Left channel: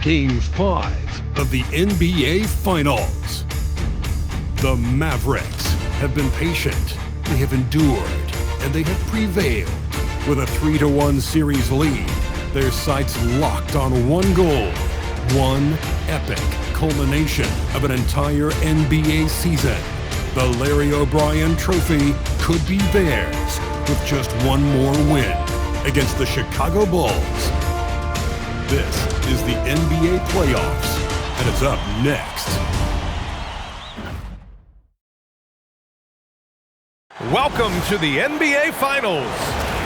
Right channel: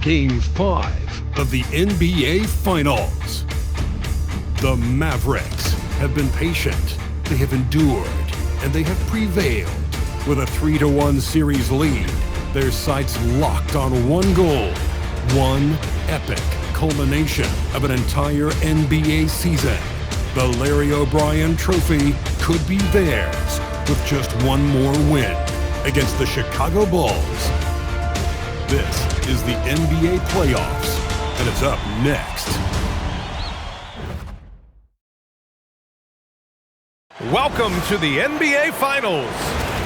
Game 5 of the NBA Finals. The Mavericks have been patient, they have endured, and they have prevailed. With a 3-1 series lead, their sights locked on one goal, one epic culmination of an entire NBA season. The Larry O'Brien Trophy could be theirs with just one more win against the Chicago Bulls. This is the NBA playoffs, and it's up next. Welcome to the NBA Finals.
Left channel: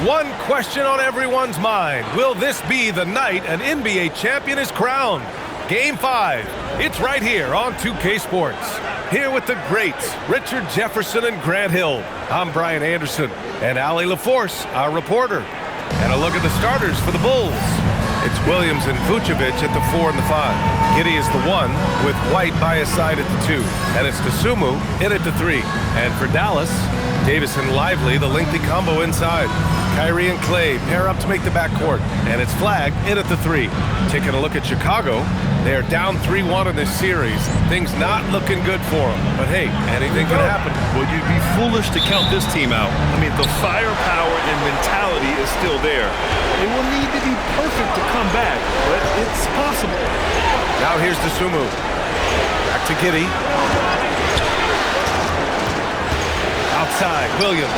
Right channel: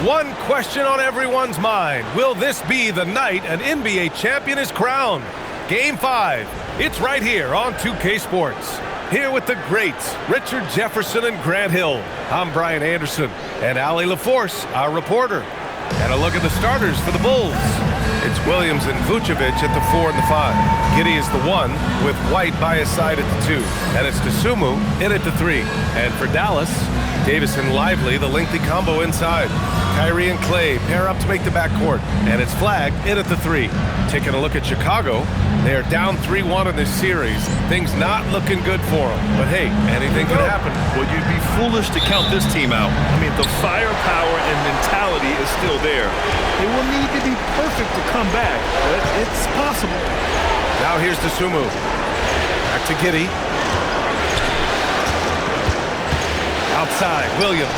One question on everyone's mind. Will this be the night an NBA champion is crowned? Game 5. It's right here on 2K Sports. Here with the greats, Richard Jefferson and Grant Hill. I'm Brian Anderson, and Allie LaForce, our reporter. And a look at the starters for the Bulls. It's Williams and Vučević at the 4 and the 5. Giddey is the 1, with White by his side at the 2. And it's Dosunmu in at the 3. And for Dallas, Davis and Lively, the lengthy combo inside. Kyrie and Clay pair up to make the backcourt. And it's Flag in at the 3. Taking a look at Chicago, they are down 3-1 in this series. Things not looking good for them. But hey, anything can happen. Well, you'd be foolish to count this team out. I mean, the firepower and mentality is still there. They will need to be perfect to come back, but it's possible. Now here's Dosunmu. Back to Giddey. Outside, Williams.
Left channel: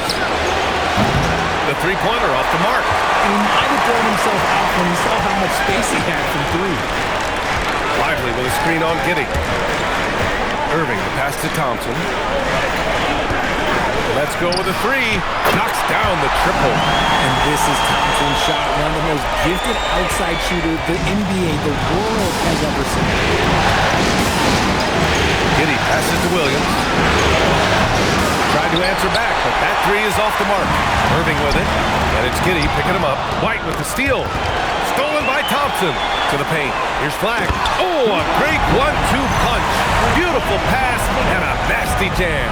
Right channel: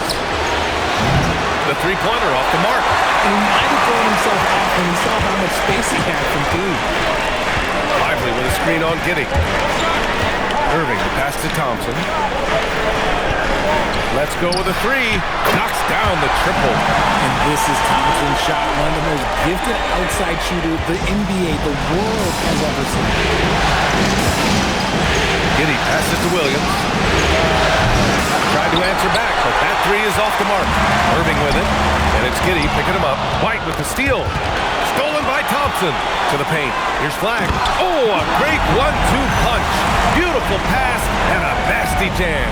The three-pointer off the mark. And he might have thrown himself off when he saw how much space he had from 3. Lively with a screen on Giddey. Irving, the pass to Thompson. Let's go with a 3. Knocks down the triple. And this is Thompson's shot, one of the most gifted outside shooters the NBA, the world has ever seen. Giddey passes to Williams. Tried to answer back, but that 3 is off the mark. Irving with it, and it's Giddey picking him up. White with the steal. Stolen by Thompson. To the paint. Here's Flag. Oh, a great 1-2 punch. Beautiful pass and a nasty jam.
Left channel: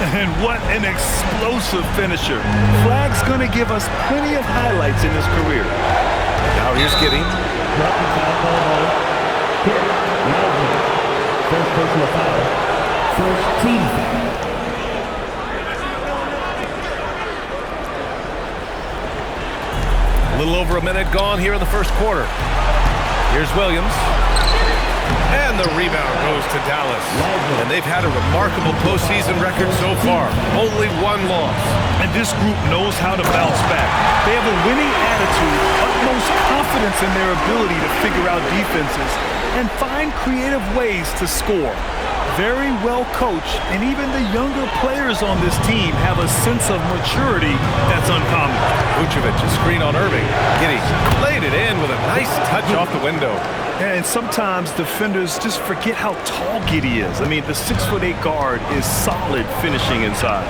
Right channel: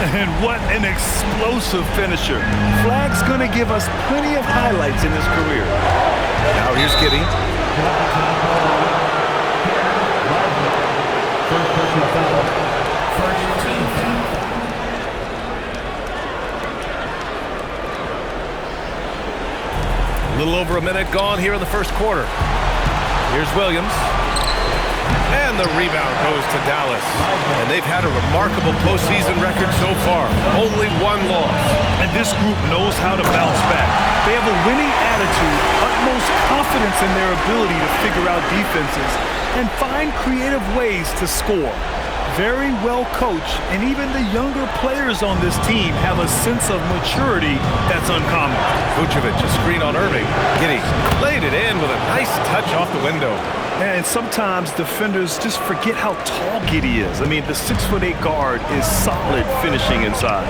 And what an explosive finisher. Flag's going to give us plenty of highlights in his career. Now here's Giddey. First personal foul. First team foul. A little over a minute gone here in the first quarter. Here's Williams. And the rebound goes to Dallas. And they've had a remarkable postseason record so far. Only one loss. And this group knows how to bounce back. They have a winning attitude, utmost confidence in their ability to figure out defenses and find creative ways to score. Very well coached, and even the younger players on this team have a sense of maturity that's uncommon. Vučević, a screen on Irving. Giddey laid it in with a nice touch off the window. And sometimes defenders just forget how tall Giddey is. I mean, the 6'8" guard is solid finishing inside.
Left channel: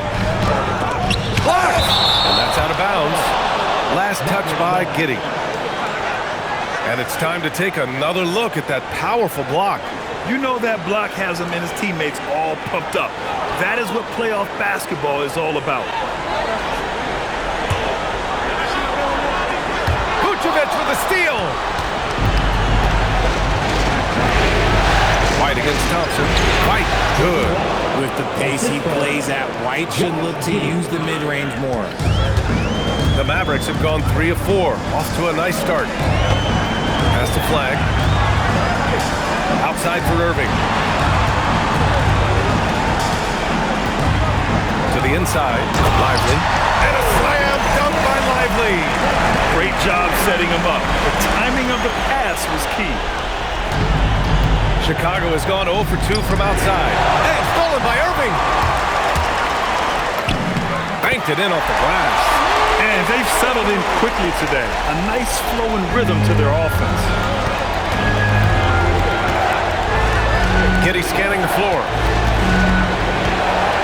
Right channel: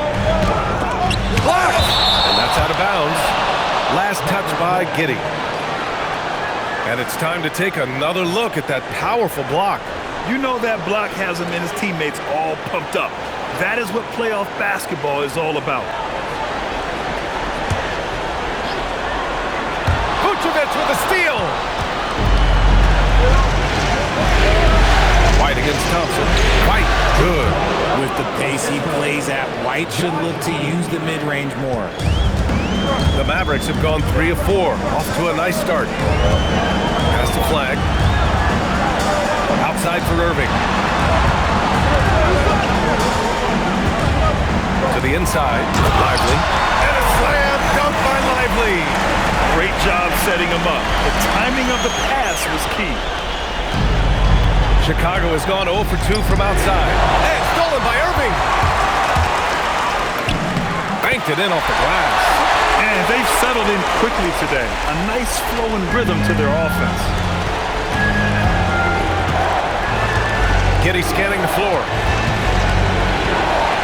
Blocked! And that's out of bounds. Last touch by Giddey. And it's time to take another look at that powerful block. You know that block has him and his teammates all pumped up. That is what playoff basketball is all about. Vučević with a steal. White against Thompson. White, good. With the pace he plays at, White should look to use the mid-range more. The Mavericks have gone 3 of 4. Off to a nice start. Pass to Flag. Outside for Irving. To the inside, Lively. And a slam dunk by Lively. Great job setting him up. The timing of the pass was key. Chicago has gone 0 for 2 from outside. And stolen by Irving. Banked it in off the glass. And they've settled in quickly today. A nice flow and rhythm to their offense. Giddey scanning the floor.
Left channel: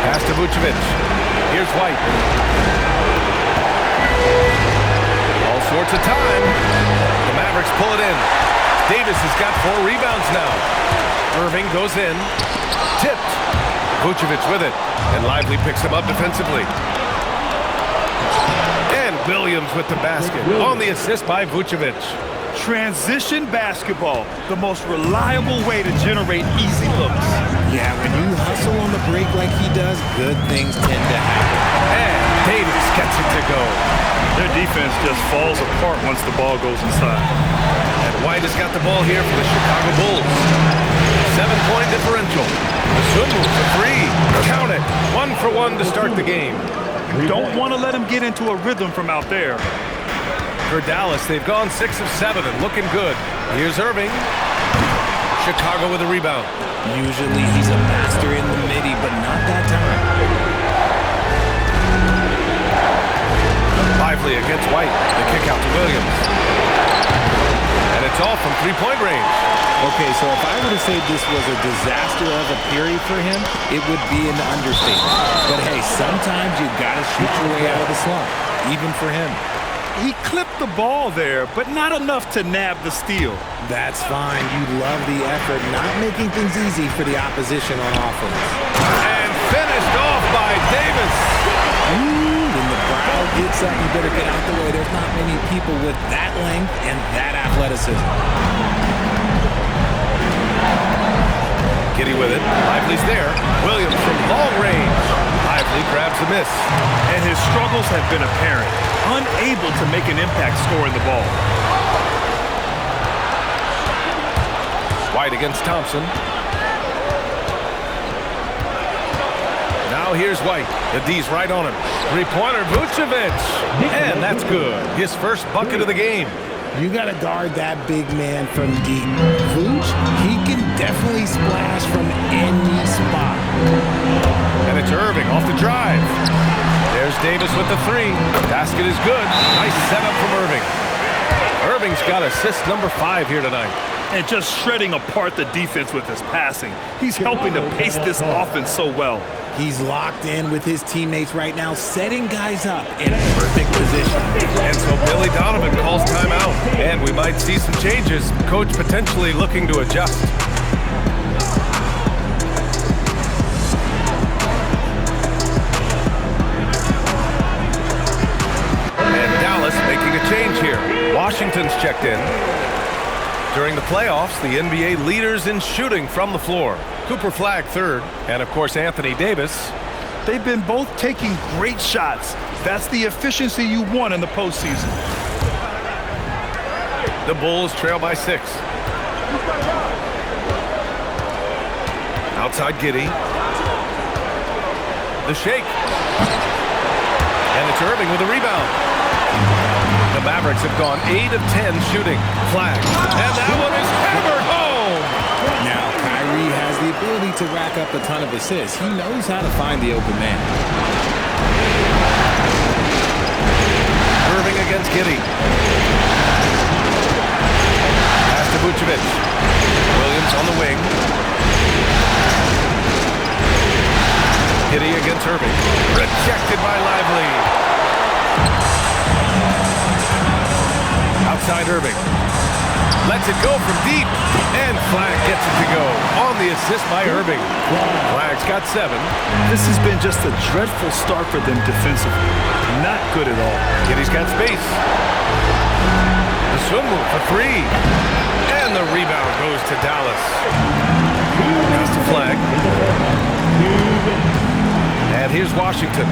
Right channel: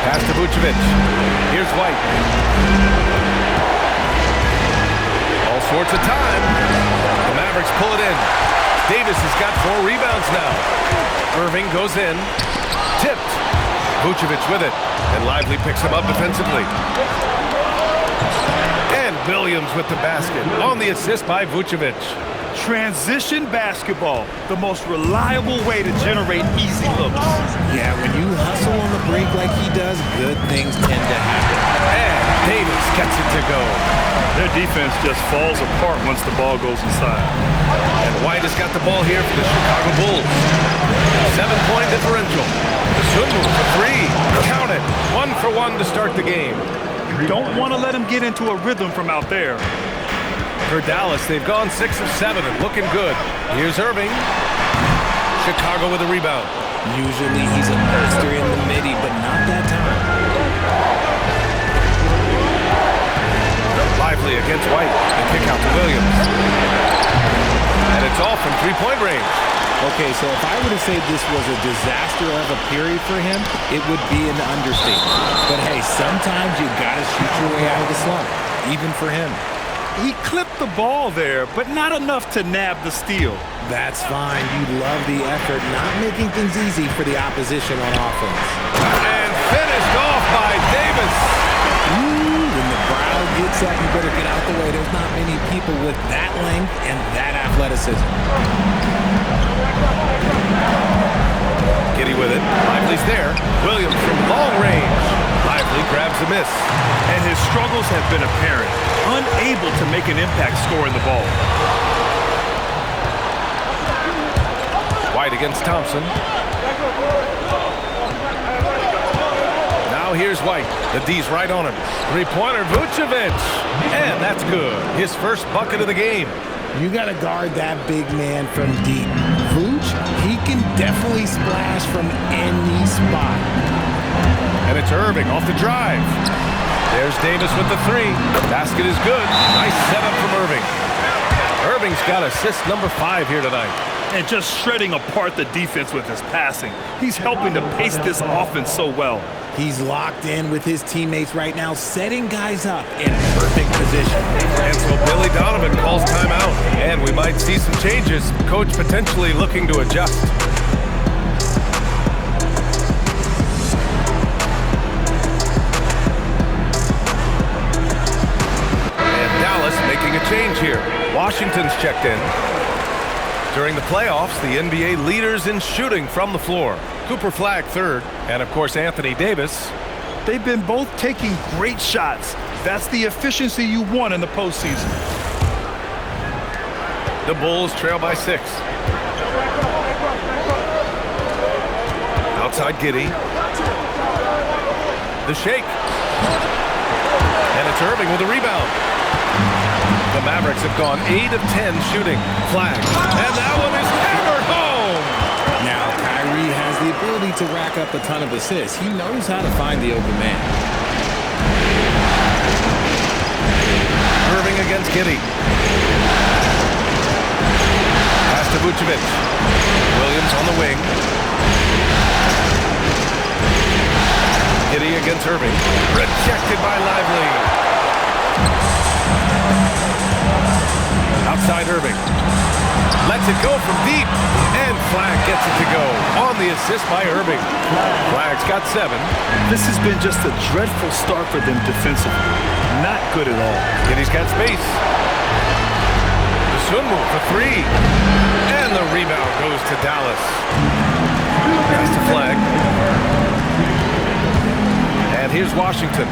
Pass to Vučević. Here's White. All sorts of time. The Mavericks pull it in. Davis has got 4 rebounds now. Irving goes in. Tipped. Vučević with it. And Lively picks him up defensively. And Williams with the basket on the assist by Vučević. Transition basketball, the most reliable way to generate easy looks. Yeah, when you hustle on the break like he does, good things tend to happen. And Davis gets it to go. Their defense just falls apart once the ball goes inside. And White has got the ball here for the Chicago Bulls. 7-point differential. Dosunmu for three. Count it. 1 for 1 to start the game. You don't want to let him get into a rhythm from out there. For Dallas, they've gone 6 of 7 and looking good. Here's Irving. Chicago with a rebound. Usually he's a master in the midi, but not that time. Lively against White. The kick out to Williams. And it's all from three-point range. Okay, so if I were to say this was a disaster of a period for him, it would be an understatement. But hey, sometimes you gotta shoot your way out of the slump, even for him. He clipped the ball there, but not enough to nab the steal. That's fine. You love the effort, not making things easy for the opposition on offense. And finished off by Davis. Ooh, when the brow gets up, you better get out the way. There's not many people with that length and that athleticism. Giddey with it. Lively's there. Williams from long range. Lively grabs the miss. And his struggles have been apparent. Unable to make an impact scoring the ball. White against Thompson. Now here's White. The D's right on him. Three-pointer, Vučević. And that's good. His first bucket of the game. You got to guard that big man from deep. Vuč, he can definitely splash from any spot. And it's Irving off the drive. There's Davis with the three. Basket is good. Nice setup from Irving. Irving's got assist number 5 here tonight. And just shredding apart the defense with his passing. He's helping to pace this offense so well. He's locked in with his teammates right now, setting guys up in perfect position. And so Billy Donovan calls timeout. And we might see some changes. Coach potentially looking to adjust. And Dallas making a change here. Washington's checked in. During the playoffs, the NBA leaders in shooting from the floor. Cooper Flagg third, and of course Anthony Davis. They've been both taking great shots. That's the efficiency you want in the postseason. The Bulls trail by 6. Outside Giddey. The shake. And it's Irving with a rebound. The Mavericks have gone 8 of 10 shooting. Flagg. And that one is hammered home. Now, Kyrie has the ability to rack up a ton of assists. He knows how to find the open man. Irving against Giddey. Pass to Vučević. Williams on the wing. Giddey against Irving. Rejected by Lively. Outside Irving. Lets it go from deep. And Flagg gets it to go. On the assist by Irving. Flagg's got 7. This has been just a dreadful start for them defensively. Not good at all. Giddey's got space. Dosunmu for 3. And the rebound goes to Dallas. Pass to Flagg. And here's Washington.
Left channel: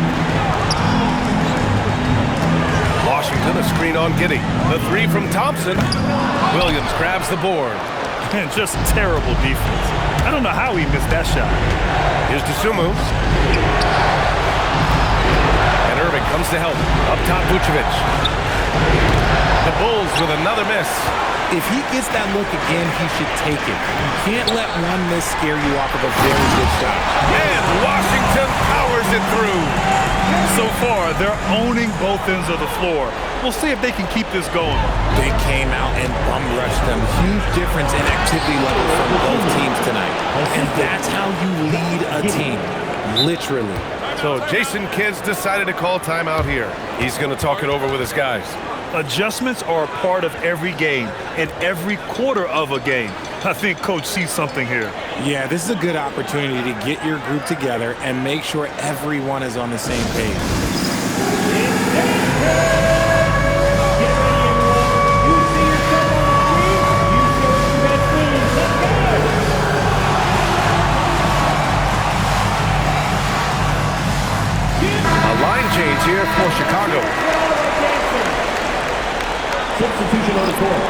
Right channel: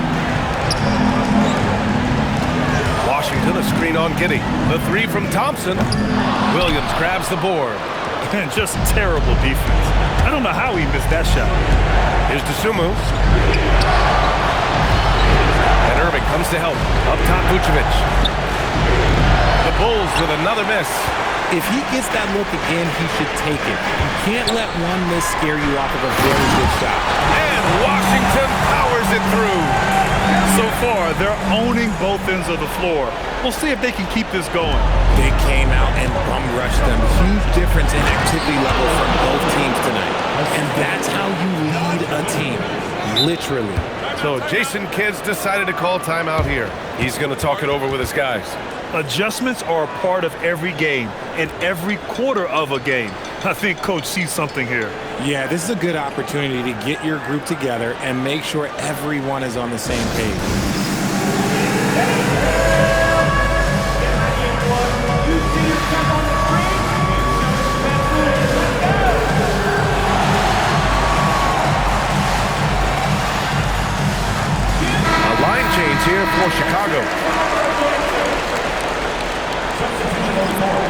Washington, a screen on Giddey. The 3 from Thompson. Williams grabs the board. And just terrible defense. I don't know how he missed that shot. Here's Dosunmu. And Irving comes to help. Up top, Vučević. The Bulls with another miss. If he gets that look again, he should take it. You can't let one miss scare you off of a very good shot. And Washington powers it through. So far, they're owning both ends of the floor. We'll see if they can keep this going. They came out and bum rushed them. Huge difference in activity level from both teams tonight. And that's how you lead a team. Literally. So Jason Kidd's decided to call timeout here. He's going to talk it over with his guys. Adjustments are a part of every game and every quarter of a game. I think Coach sees something here. Yeah, this is a good opportunity to get your group together and make sure everyone is on the same page. change here for Chicago. Substitution on the court.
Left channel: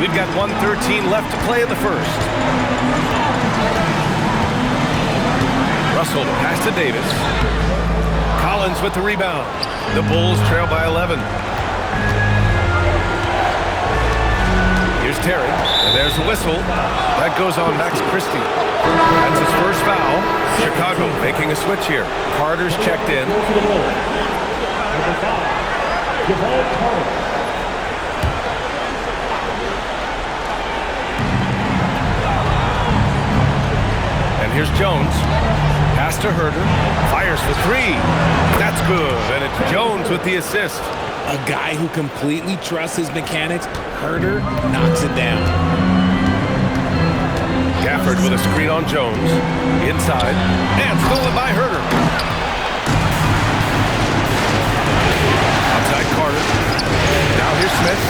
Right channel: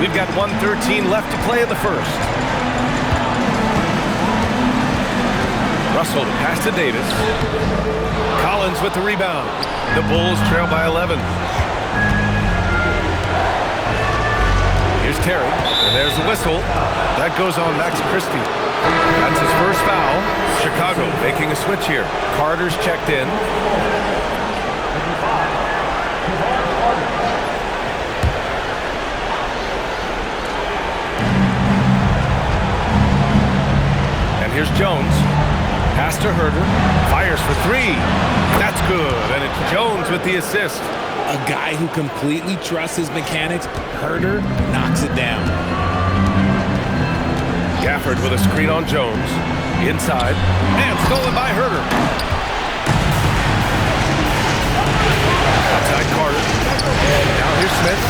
We've got 1:13 left to play in the first. Russell to pass to Davis. Collins with the rebound. The Bulls trail by 11. Here's Terry, and there's the whistle. That goes on Max Christie. That's his first foul. Chicago making a switch here. Carter's checked in. And here's Jones. Pass to Herder. Fires for three. That's good. And it's Jones with the assist. A guy who completely trusts his mechanics. Herder knocks it down. Gafford with a screen on Jones. Inside. And stolen by Herder. Outside Carter. Now here's Smith.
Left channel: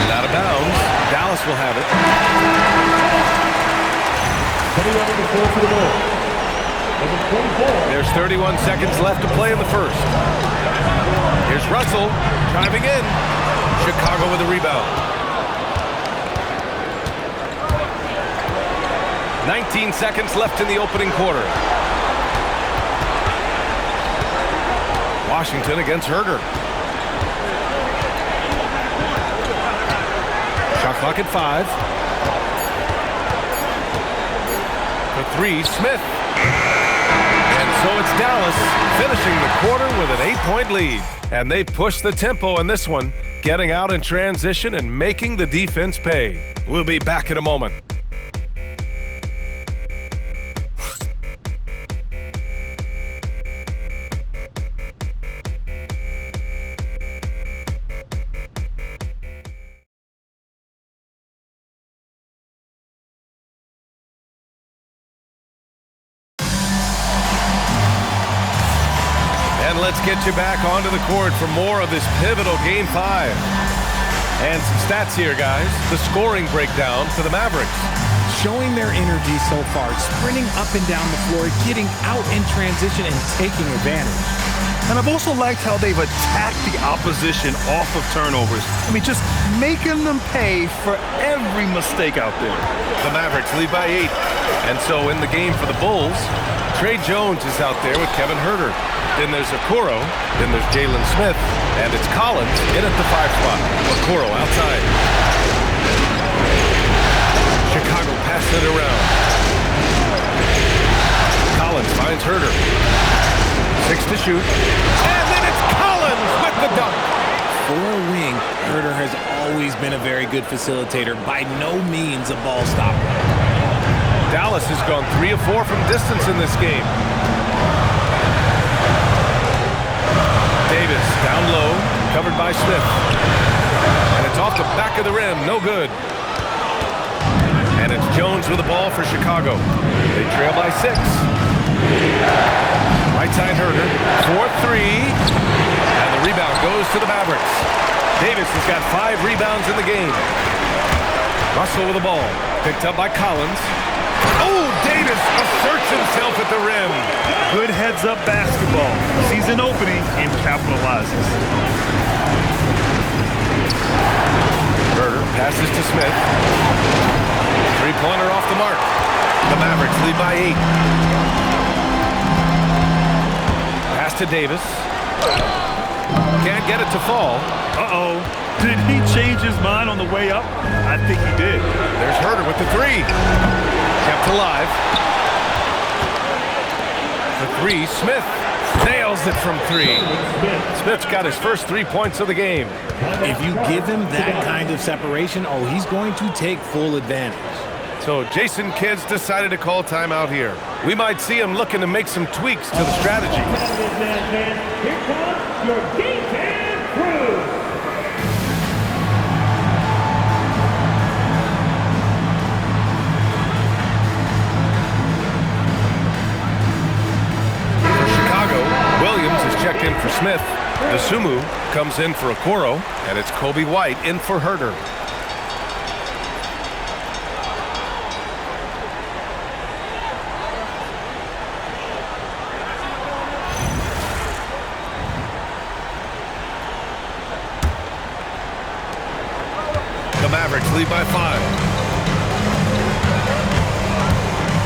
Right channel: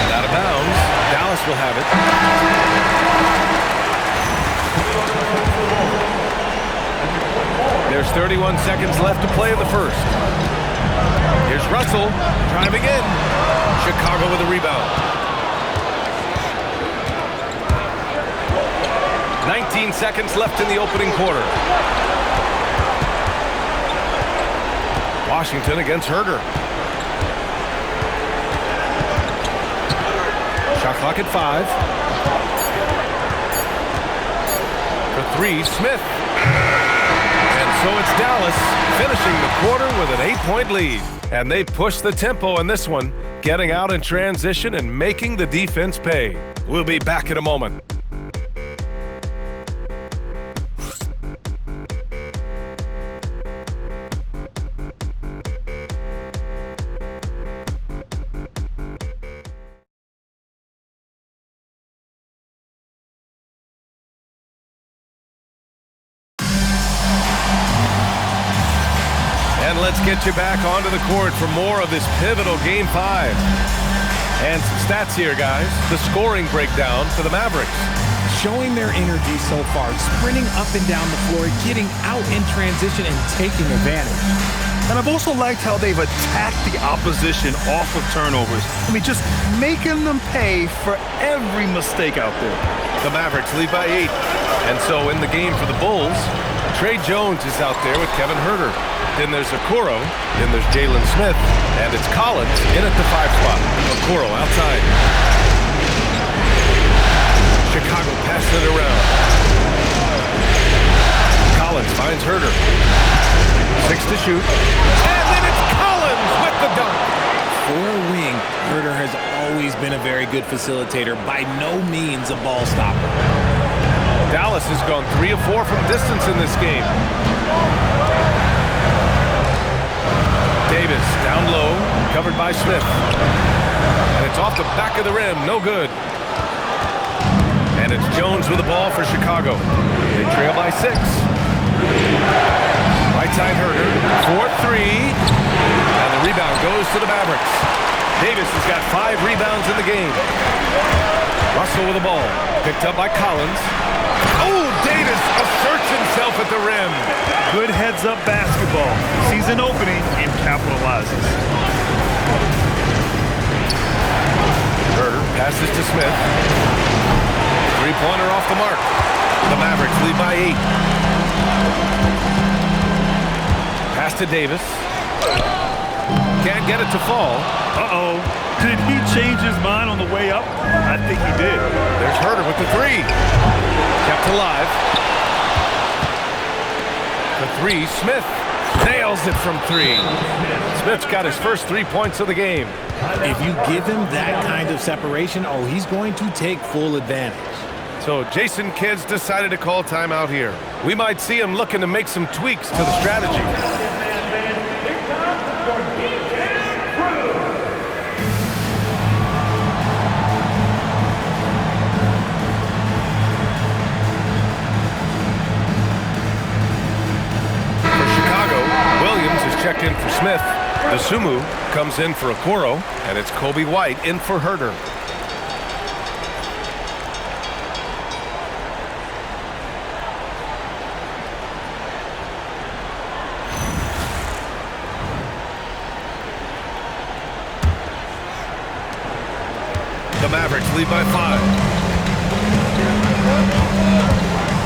And out of bounds. Dallas will have it. Coming over the floor for the ball. There's 31 seconds left to play in the first. Here's Russell driving in. Chicago with a rebound. 19 seconds left in the opening quarter. Washington against Herder. Shot clock at 5. For three, Smith. And so it's Dallas finishing the quarter with an 8-point lead. And they push the tempo in this one, getting out in transition and making the defense pay. We'll be back in a moment. And let's get you back onto the court for more of this pivotal Game 5. And some stats here, guys. The scoring breakdown for the Mavericks. Showing their energy so far, sprinting up and down the floor, getting out in transition and taking advantage. And I've also liked how they've attacked the opposition off of turnovers. I mean, just making them pay for every mistake out there. The Mavericks lead by 8. And so in the game for the Bulls, Trey Jones is out there with Kevin Herder. Then there's Okoro, then there's Jalen Smith, and it's Collins in at the 5 spot. Okoro outside. Chicago passing it around. Collins finds Herder. 6 to shoot. And then it's Collins with the dunk. For a wing, Herder has always been a very good facilitator, by no means a ball stopper. Dallas has gone 3 of 4 from distance in this game. Davis down low, covered by Smith. And it's off the back of the rim, no good. And it's Jones with the ball for Chicago. They trail by 6. Right side Herder, 4-3. And the rebound goes to the Mavericks. Davis has got 5 rebounds in the game. Russell with the ball, picked up by Collins. Oh, Davis asserts himself at the rim. Good heads-up basketball. Sees an opening and capitalizes. Herder passes to Smith. Three-pointer off the mark. The Mavericks lead by 8. Pass to Davis. Can't get it to fall. Uh-oh. Did he change his mind on the way up? I think he did. There's Herder with the 3. Kept alive. For 3, Smith nails it from 3. Smith's got his first 3 points of the game. If you give him that kind of separation, oh, he's going to take full advantage. So Jason Kidd's decided to call timeout here. We might see him looking to make some tweaks to the strategy. Here comes your defense crew. For Chicago, Williams is checked in for Smith. Dosunmu comes in for Okoro, and it's Kobe White in for Herter. The Mavericks lead by 5.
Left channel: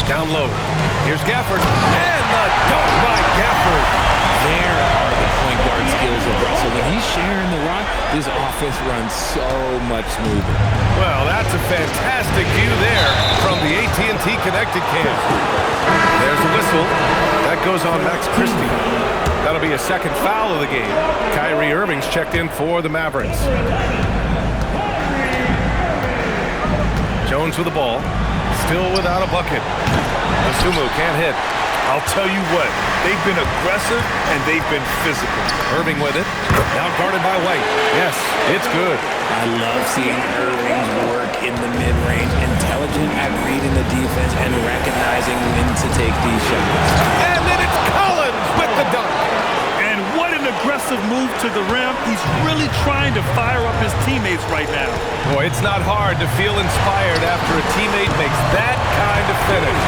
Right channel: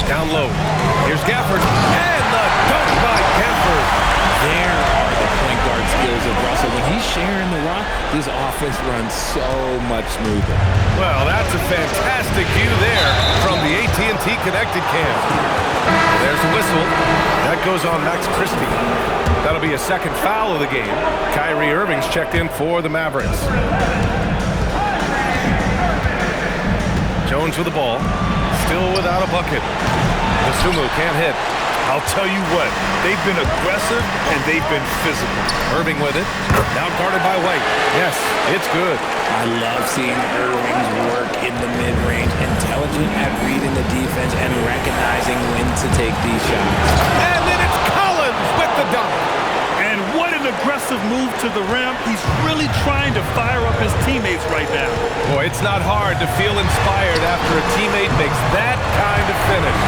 Down low. Here's Gafford. And the dunk by Gafford. There are the point guard skills of Russell. When he's sharing the rock, this offense runs so much smoother. Well, that's a fantastic view there from the AT&T Connected Cam. There's a whistle. That goes on Max Christie. That'll be a second foul of the game. Kyrie Irving's checked in for the Mavericks. Jones with the ball, still without a bucket. Dosunmu can't hit. I'll tell you what, they've been aggressive and they've been physical. Irving with it, now guarded by White. Yes, it's good. I love seeing Irving's work in the mid-range, intelligent at reading the defense and recognizing when to take these shots. And then it's Collins with the dunk. And what an aggressive move to the rim. He's really trying to fire up his teammates right now. Boy, it's not hard to feel inspired after a teammate makes that kind of finish.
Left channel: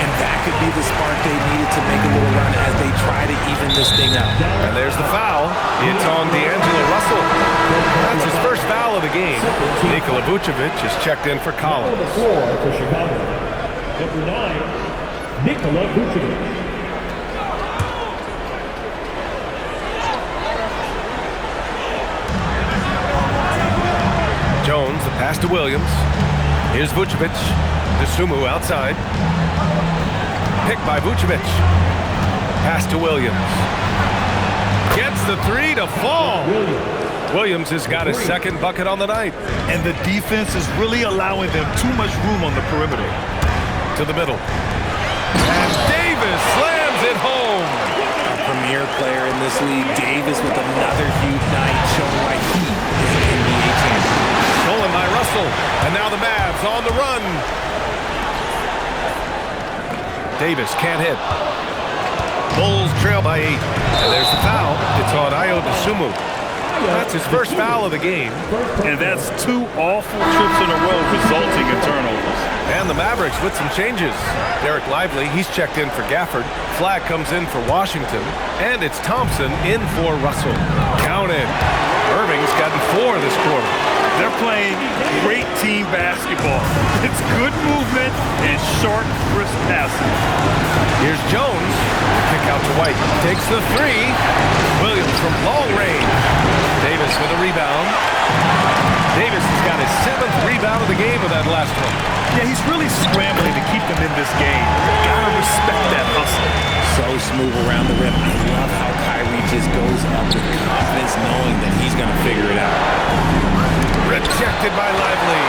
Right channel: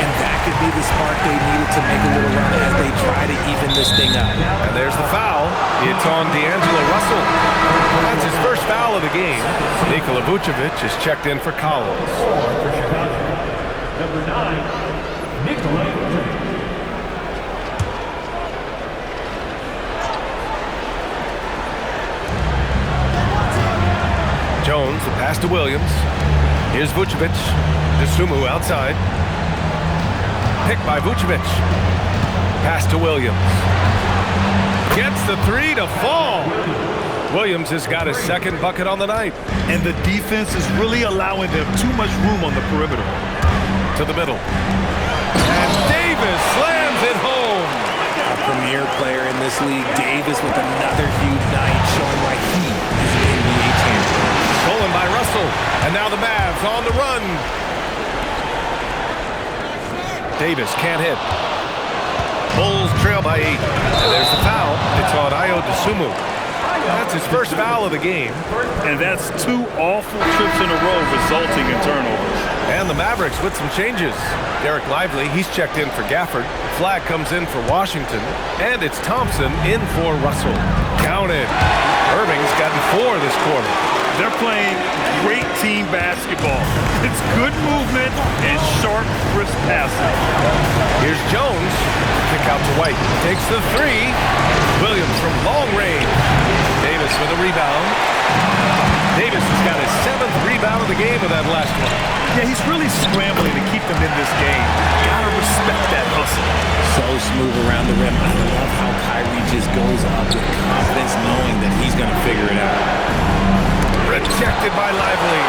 And that could be the spark they needed to make a little run as they try to even this thing up. And there's the foul. It's on D'Angelo Russell. That's his first foul of the game. Nikola Vučević is checked in for Collins. For Chicago, number 9, Nikola Vučević. Jones, the pass to Williams. Here's Vučević. Dosunmu outside. Picked by Vučević. Pass to Williams. Gets the three to fall. Williams has got his second bucket on the night. And the defense is really allowing them too much room on the perimeter. To the middle. And Davis slams it home. A premier player in this league, Davis with another huge night, showing why he is an NBA champion. Stolen by Russell. And now the Mavs on the run. Davis can't hit. Bulls trail by 8. And there's the foul. It's on Ayo Dosunmu. That's his first foul of the game. And that's 2 awful trips in a row resulting in turnovers. And the Mavericks with some changes. Derek Lively, he's checked in for Gafford. Flag comes in for Washington. And it's Thompson in for Russell. Counted. Irving's gotten 4 this quarter. They're playing great team basketball. It's good movement and sharp, crisp passing. Here's Jones. Kick out to White. Takes the 3. Williams from long range. Davis with a rebound. Davis has got his 7th rebound of the game with that last one. Yeah, he's really scrambling to keep them in this game. Gotta respect that hustle. So smooth around the rim. I love how Kyrie just goes up with confidence knowing that he's going to figure it out. Rejected by Lively.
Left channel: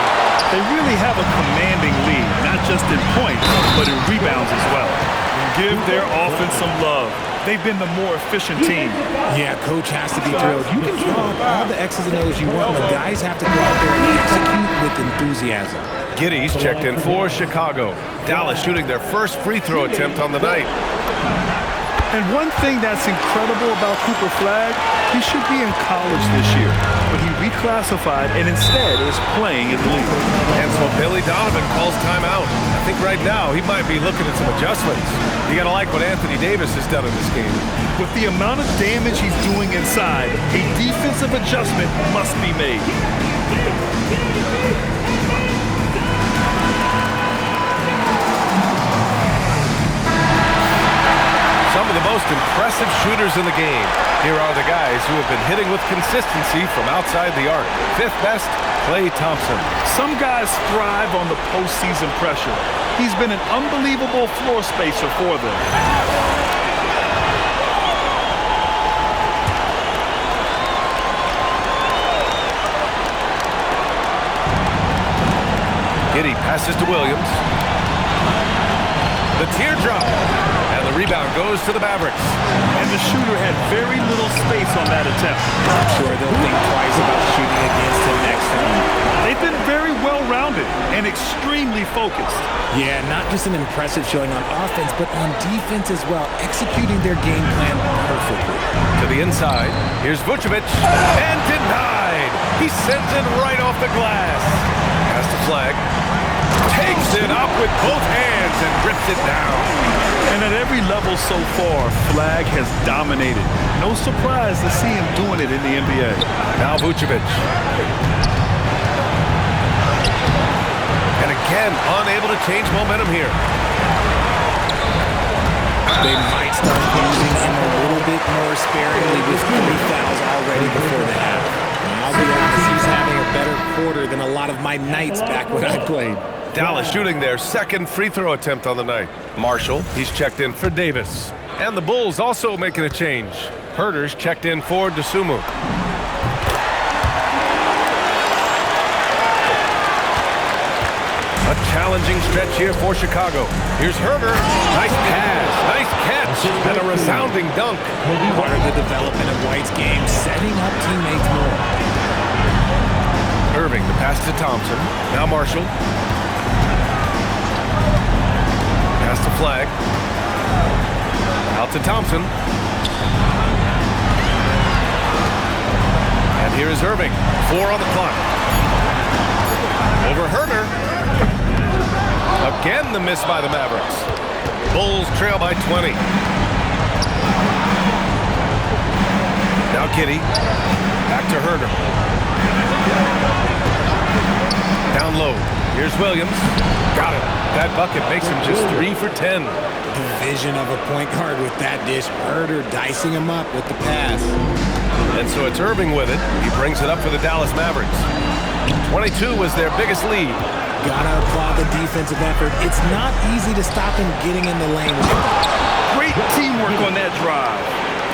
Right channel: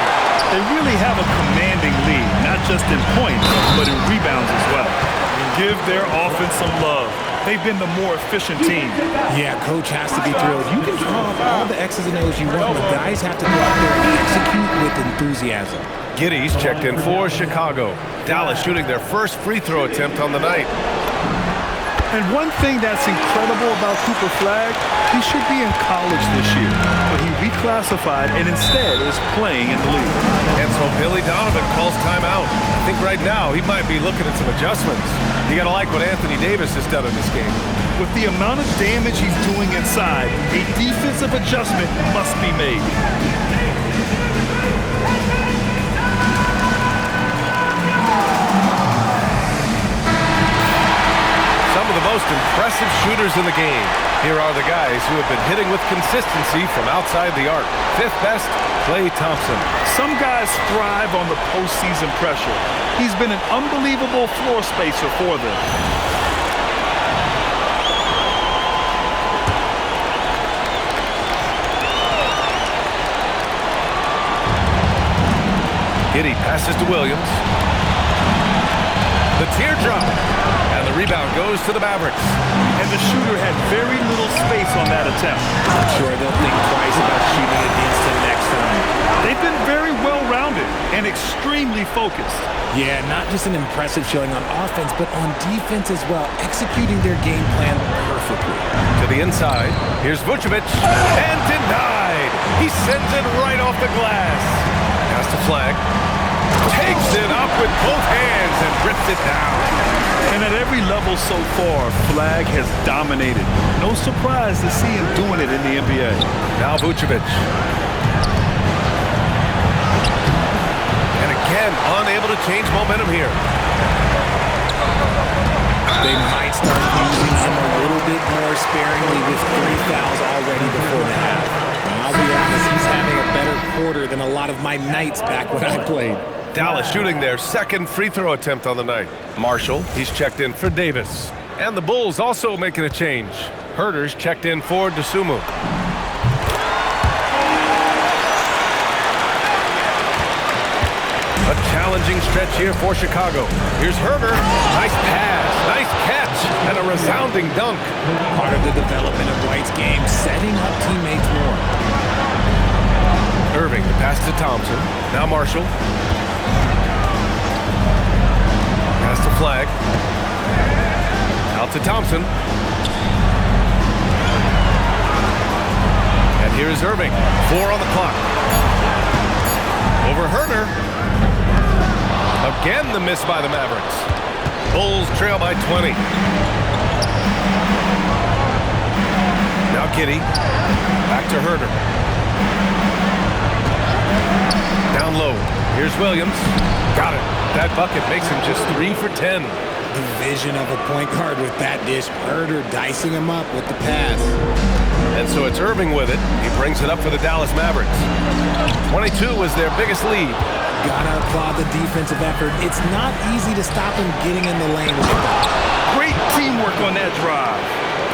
They really have a commanding lead, not just in points, but in rebounds as well. And give their offense some love. They've been the more efficient team. Yeah, coach has to be thrilled. You can draw up all the X's and O's you want, but guys have to go out there and execute with enthusiasm. Giddey's checked in for Chicago. Dallas shooting their first free throw attempt on the night. And one thing that's incredible about Cooper Flagg, he should be in college this year, but he reclassified and instead is playing in the league. And so Billy Donovan calls timeout. I think right now he might be looking at some adjustments. You gotta like what Anthony Davis has done in this game. With the amount of damage he's doing inside, a defensive adjustment must be made. Some of the most impressive shooters in the game. Here are the guys who have been hitting with consistency from outside the arc. 5th best, Klay Thompson. Some guys thrive on the postseason pressure. He's been an unbelievable floor spacer for them. Giddey passes to Williams. The teardrop. And the rebound goes to the Mavericks. And the shooter had very little space on that attempt. I'm sure they'll think twice about shooting against him next time. They've been very well-rounded and extremely focused. Yeah, not just an impressive showing on offense, but on defense as well, executing their game plan perfectly. To the inside, here's Vučević, and denied. He sends it right off the glass. Has to flag. Takes it up with both hands and rips it down. And at every level so far, Flag has dominated. No surprise to see him doing it in the NBA. Now Vučević. And again, unable to change momentum here. They might start using him a little bit more sparingly with 3 fouls already before the half. Now, I'll be honest, he's having a better quarter than a lot of my nights back when I played. Dallas shooting their second free throw attempt on the night. Marshall, he's checked in for Davis. And the Bulls also making a change. Herder's checked in for Dosunmu. A challenging stretch here for Chicago. Here's Herder. Nice pass, nice catch, and a resounding dunk. Part of the development of White's game, setting up teammates more. Irving, the pass to Thompson. Now Marshall. Pass to Flag. Out to Thompson. And here is Irving. 4 on the clock. Over Herder. Again, the miss by the Mavericks. Bulls trail by 20. Now Giddey. Back to Herder. Down low. Here's Williams. Got it. That bucket makes him just 3 for 10. The vision of a point guard with that dish. Herder dicing him up with the pass. And so it's Irving with it. He brings it up for the Dallas Mavericks. 22 was their biggest lead. Gotta applaud the defensive effort. It's not easy to stop him getting in the lane. Great teamwork on that drive,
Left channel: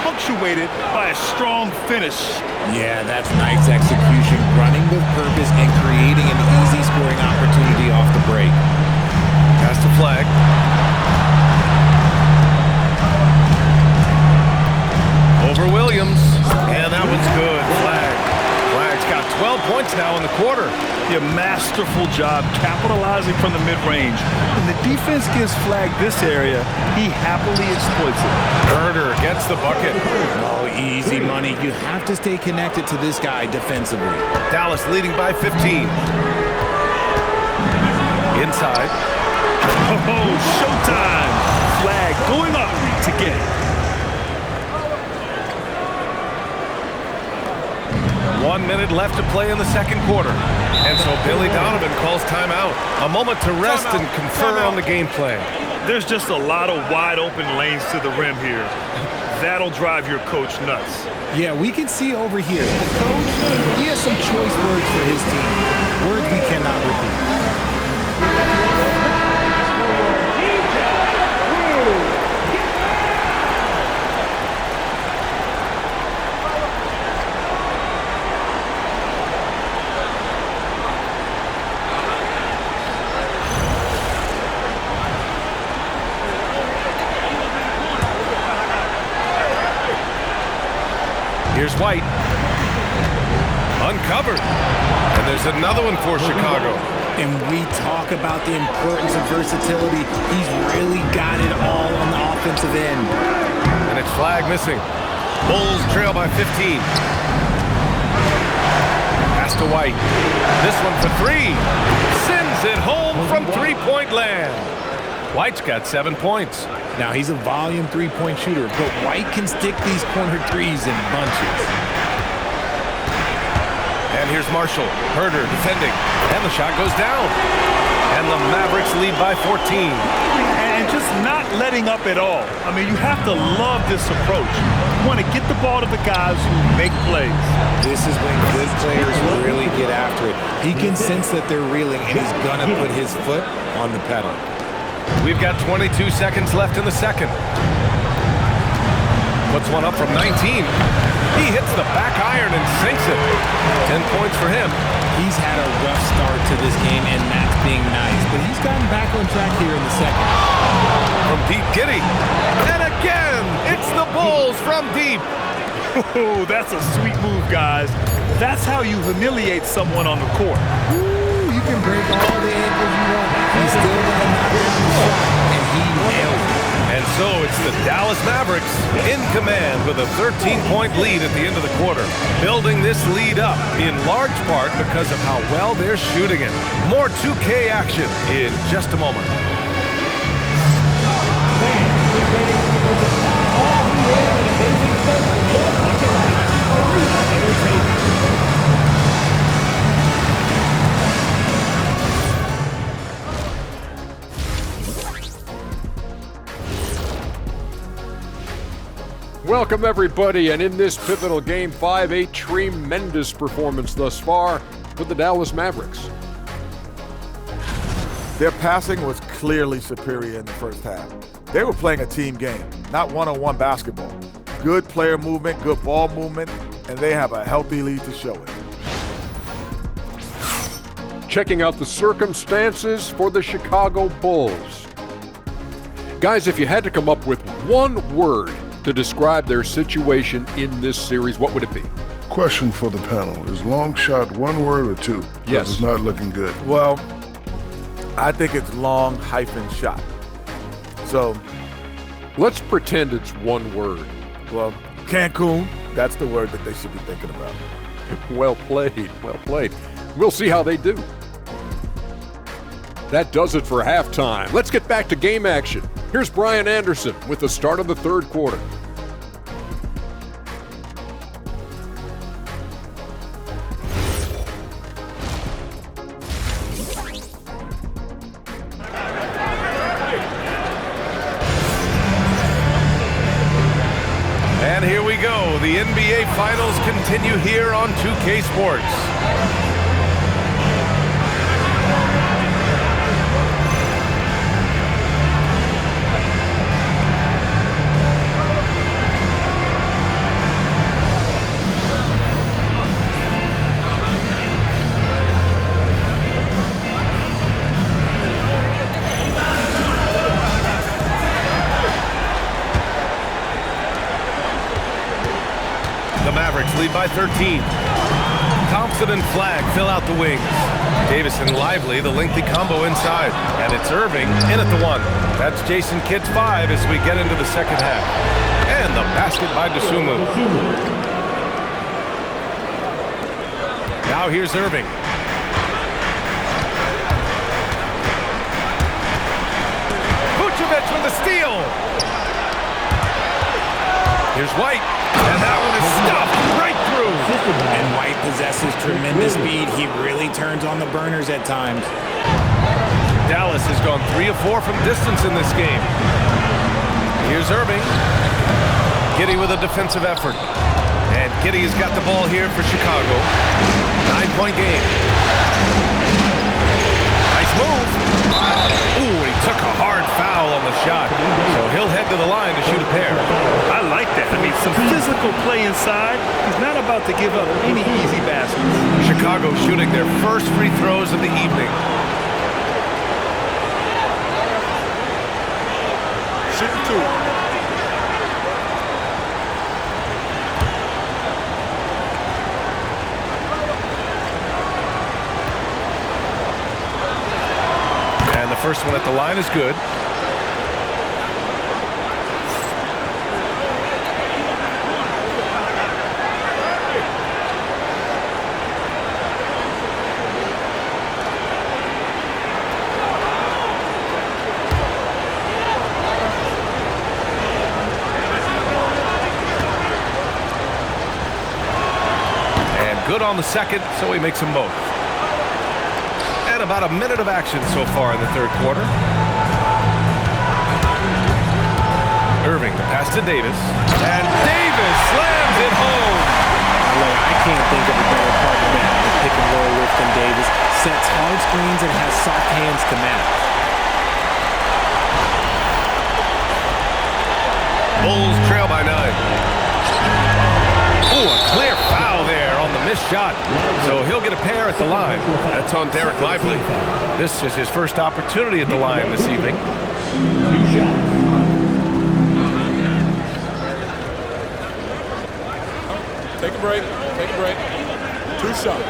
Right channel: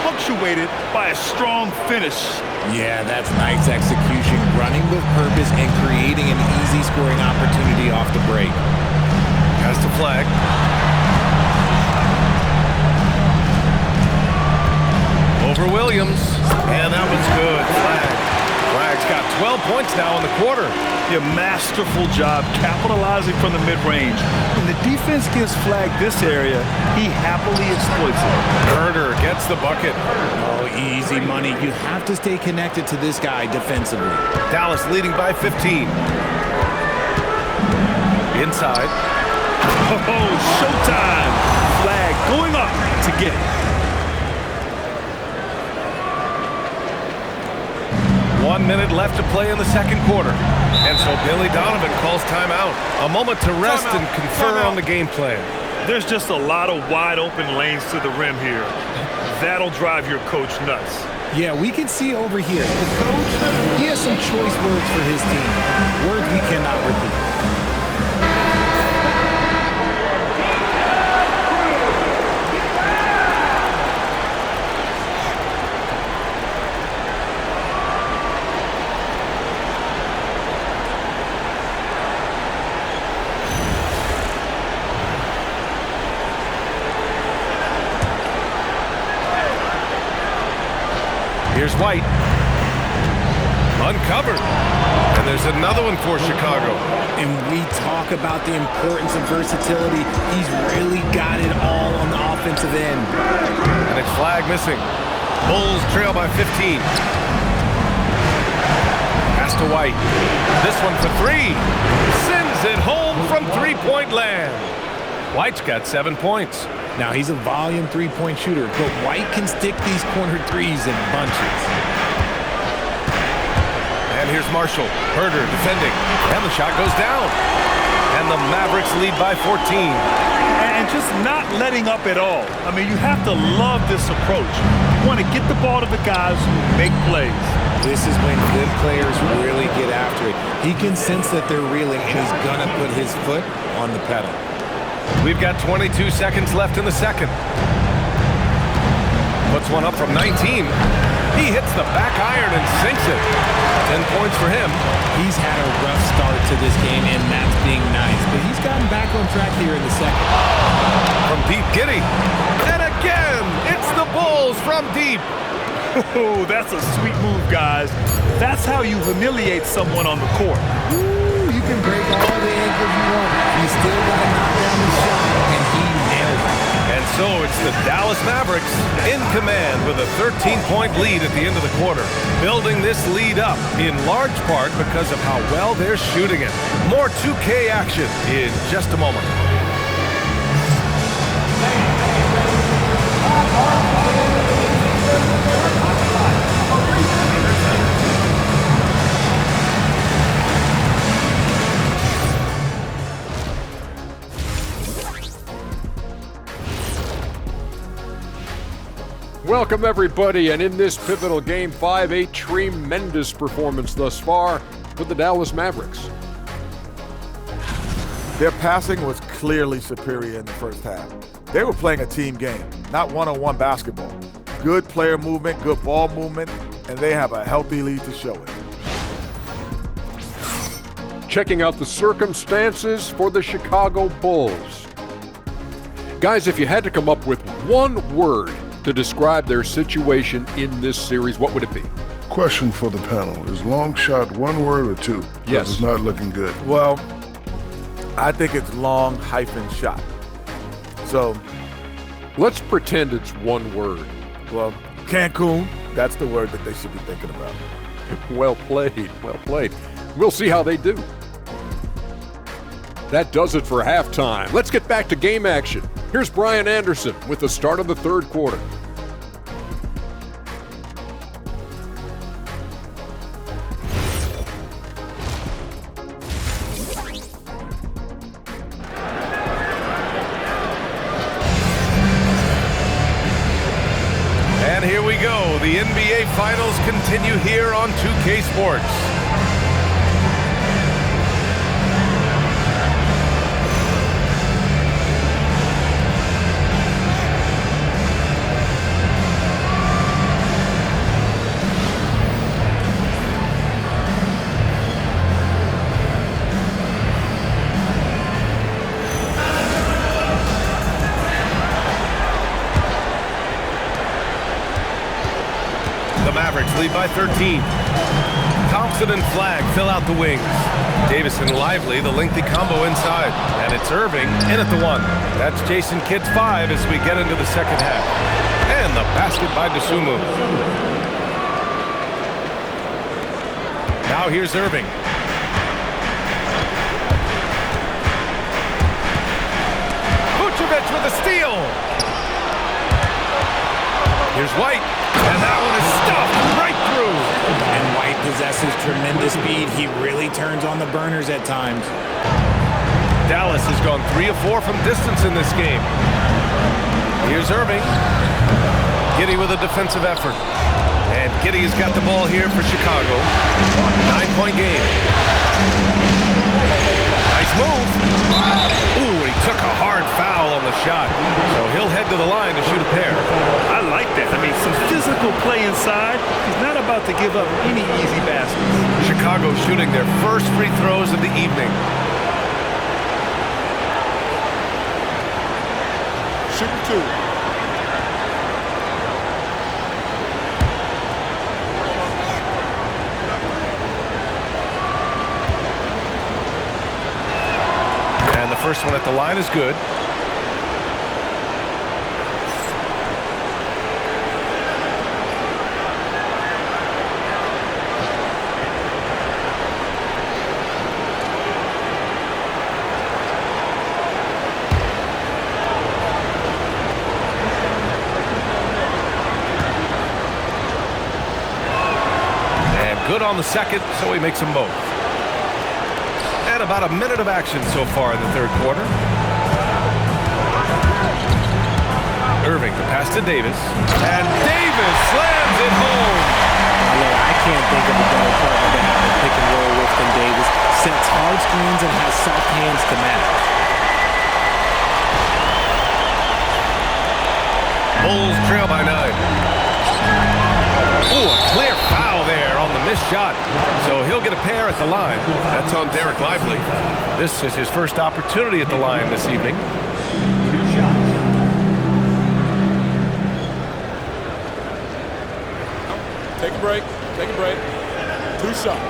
punctuated by a strong finish. Yeah, that's Knight's execution, running with purpose and creating an easy scoring opportunity off the break. Pass to Flag. Over Williams. And that one's good. Flag's got 12 points now in the quarter. A masterful job capitalizing from the mid-range. When the defense gives Flag this area, he happily exploits it. Herder gets the bucket. Oh, easy money. You have to stay connected to this guy defensively. Dallas leading by 15. Inside. Oh, showtime. Flag going up to get it. 1 minute left to play in the second quarter. And so Billy Donovan calls timeout. A moment to rest and confer on the game plan. There's just a lot of wide open lanes to the rim here. That'll drive your coach nuts. Yeah, we can see over here. The coach, he has some choice words for his team. Words we cannot repeat. Here's White. Uncovered. And there's another one for Chicago. And we talk about the importance of versatility. He's really got it all on the offensive end. And it's Flag missing. Bulls trail by 15. Pass to White. This one for 3. Sends it home from three-point land. White's got 7 points. Now, he's a volume three-point shooter, but White can stick these corner threes in bunches. And here's Marshall. Herder defending. And the shot goes down. And the Mavericks lead by 14. And just not letting up at all. I mean, you have to love this approach. You want to get the ball to the guys who make plays. This is when good players really get after it. He can sense that they're reeling, and he's going to put his foot on the pedal. We've got 22 seconds left in the second. Puts one up from 19. He hits the back iron and sinks it. 10 points for him. He's had a rough start to this game, and that's being nice. But he's gotten back on track here in the second. From deep, Giddey. And again, it's the Bulls from deep. Oh, that's a sweet move, guys. That's how you humiliate someone on the court. Ooh, you can break all the ankles you want. He's still got to knock down the shot, and he nailed it. And so it's the Dallas Mavericks in command with a 13-point lead at the end of the quarter, building this lead up in large part because of how well they're shooting it. More 2K action in just a moment. Welcome, everybody, and in this pivotal Game 5, a tremendous performance thus far for the Dallas Mavericks. Their passing was clearly superior in the first half. They were playing a team game, not one-on-one basketball. Good player movement, good ball movement, and they have a healthy lead to show it. Checking out the circumstances for the Chicago Bulls. Guys, if you had to come up with one word to describe their situation in this series, what would it be? Question for the panel. Is long shot one word or two? Yes. It's not looking good. Well, I think it's long-shot. So, let's pretend it's one word. well, Cancun, that's the word that they should be thinking about. Well played, well played. We'll see how they do. That does it for halftime. Let's get back to game action. Here's Brian Anderson with the start of the third quarter. And here we go. The NBA Finals continue here on 2K Sports. The Mavericks lead by 13. Thompson and Flagg fill out the wings. Davis and Lively, the lengthy combo inside. And it's Irving in at the one. That's Jason Kidd's 5 as we get into the second half. And the basket by Dosunmu. Now here's Irving. Vučević with a steal. Here's White. And that one is stuffed right through. And White possesses tremendous speed. He really turns on the burners at times. Dallas has gone 3 of 4 from distance in this game. Here's Irving. Giddey with a defensive effort. And Giddey has got the ball here for Chicago. 9-point game. Nice move. Ooh, he took a hard foul on the shot. So he'll head to the line to shoot a pair. I like that. I mean, some physical play inside. He's not about to give up any easy baskets. Chicago shooting their first free throws of the evening. Shooting 2. And the first one at the line is good. And good on the second, so he makes them both. And about a minute of action so far in the third quarter. Irving, the pass to Davis. And Davis slams it home. Now look, I can't think of a better partner to have a pick and roll with than Davis. Sets hard screens and has soft hands to match. Bulls trail by 9. Oh, a clear foul there on the missed shot. So he'll get a pair at the line. That's on Derek Lively. This is his first opportunity at the line this evening. 2 shots. Take a break. Take a break. 2 shots.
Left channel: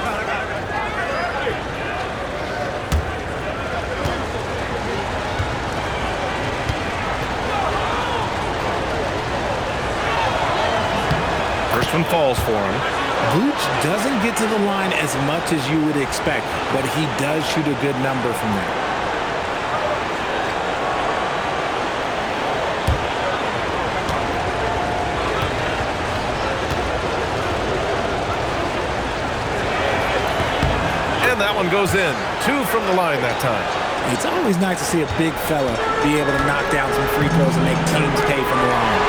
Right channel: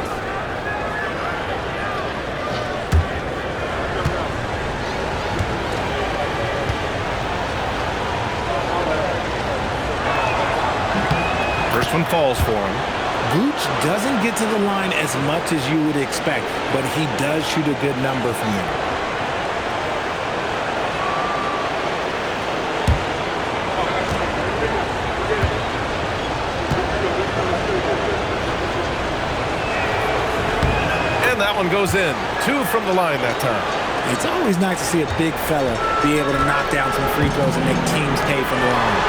First one falls for him. Vuč doesn't get to the line as much as you would expect, but he does shoot a good number from there. And that one goes in. 2 from the line that time. It's always nice to see a big fella be able to knock down some free throws and make teams pay from the line.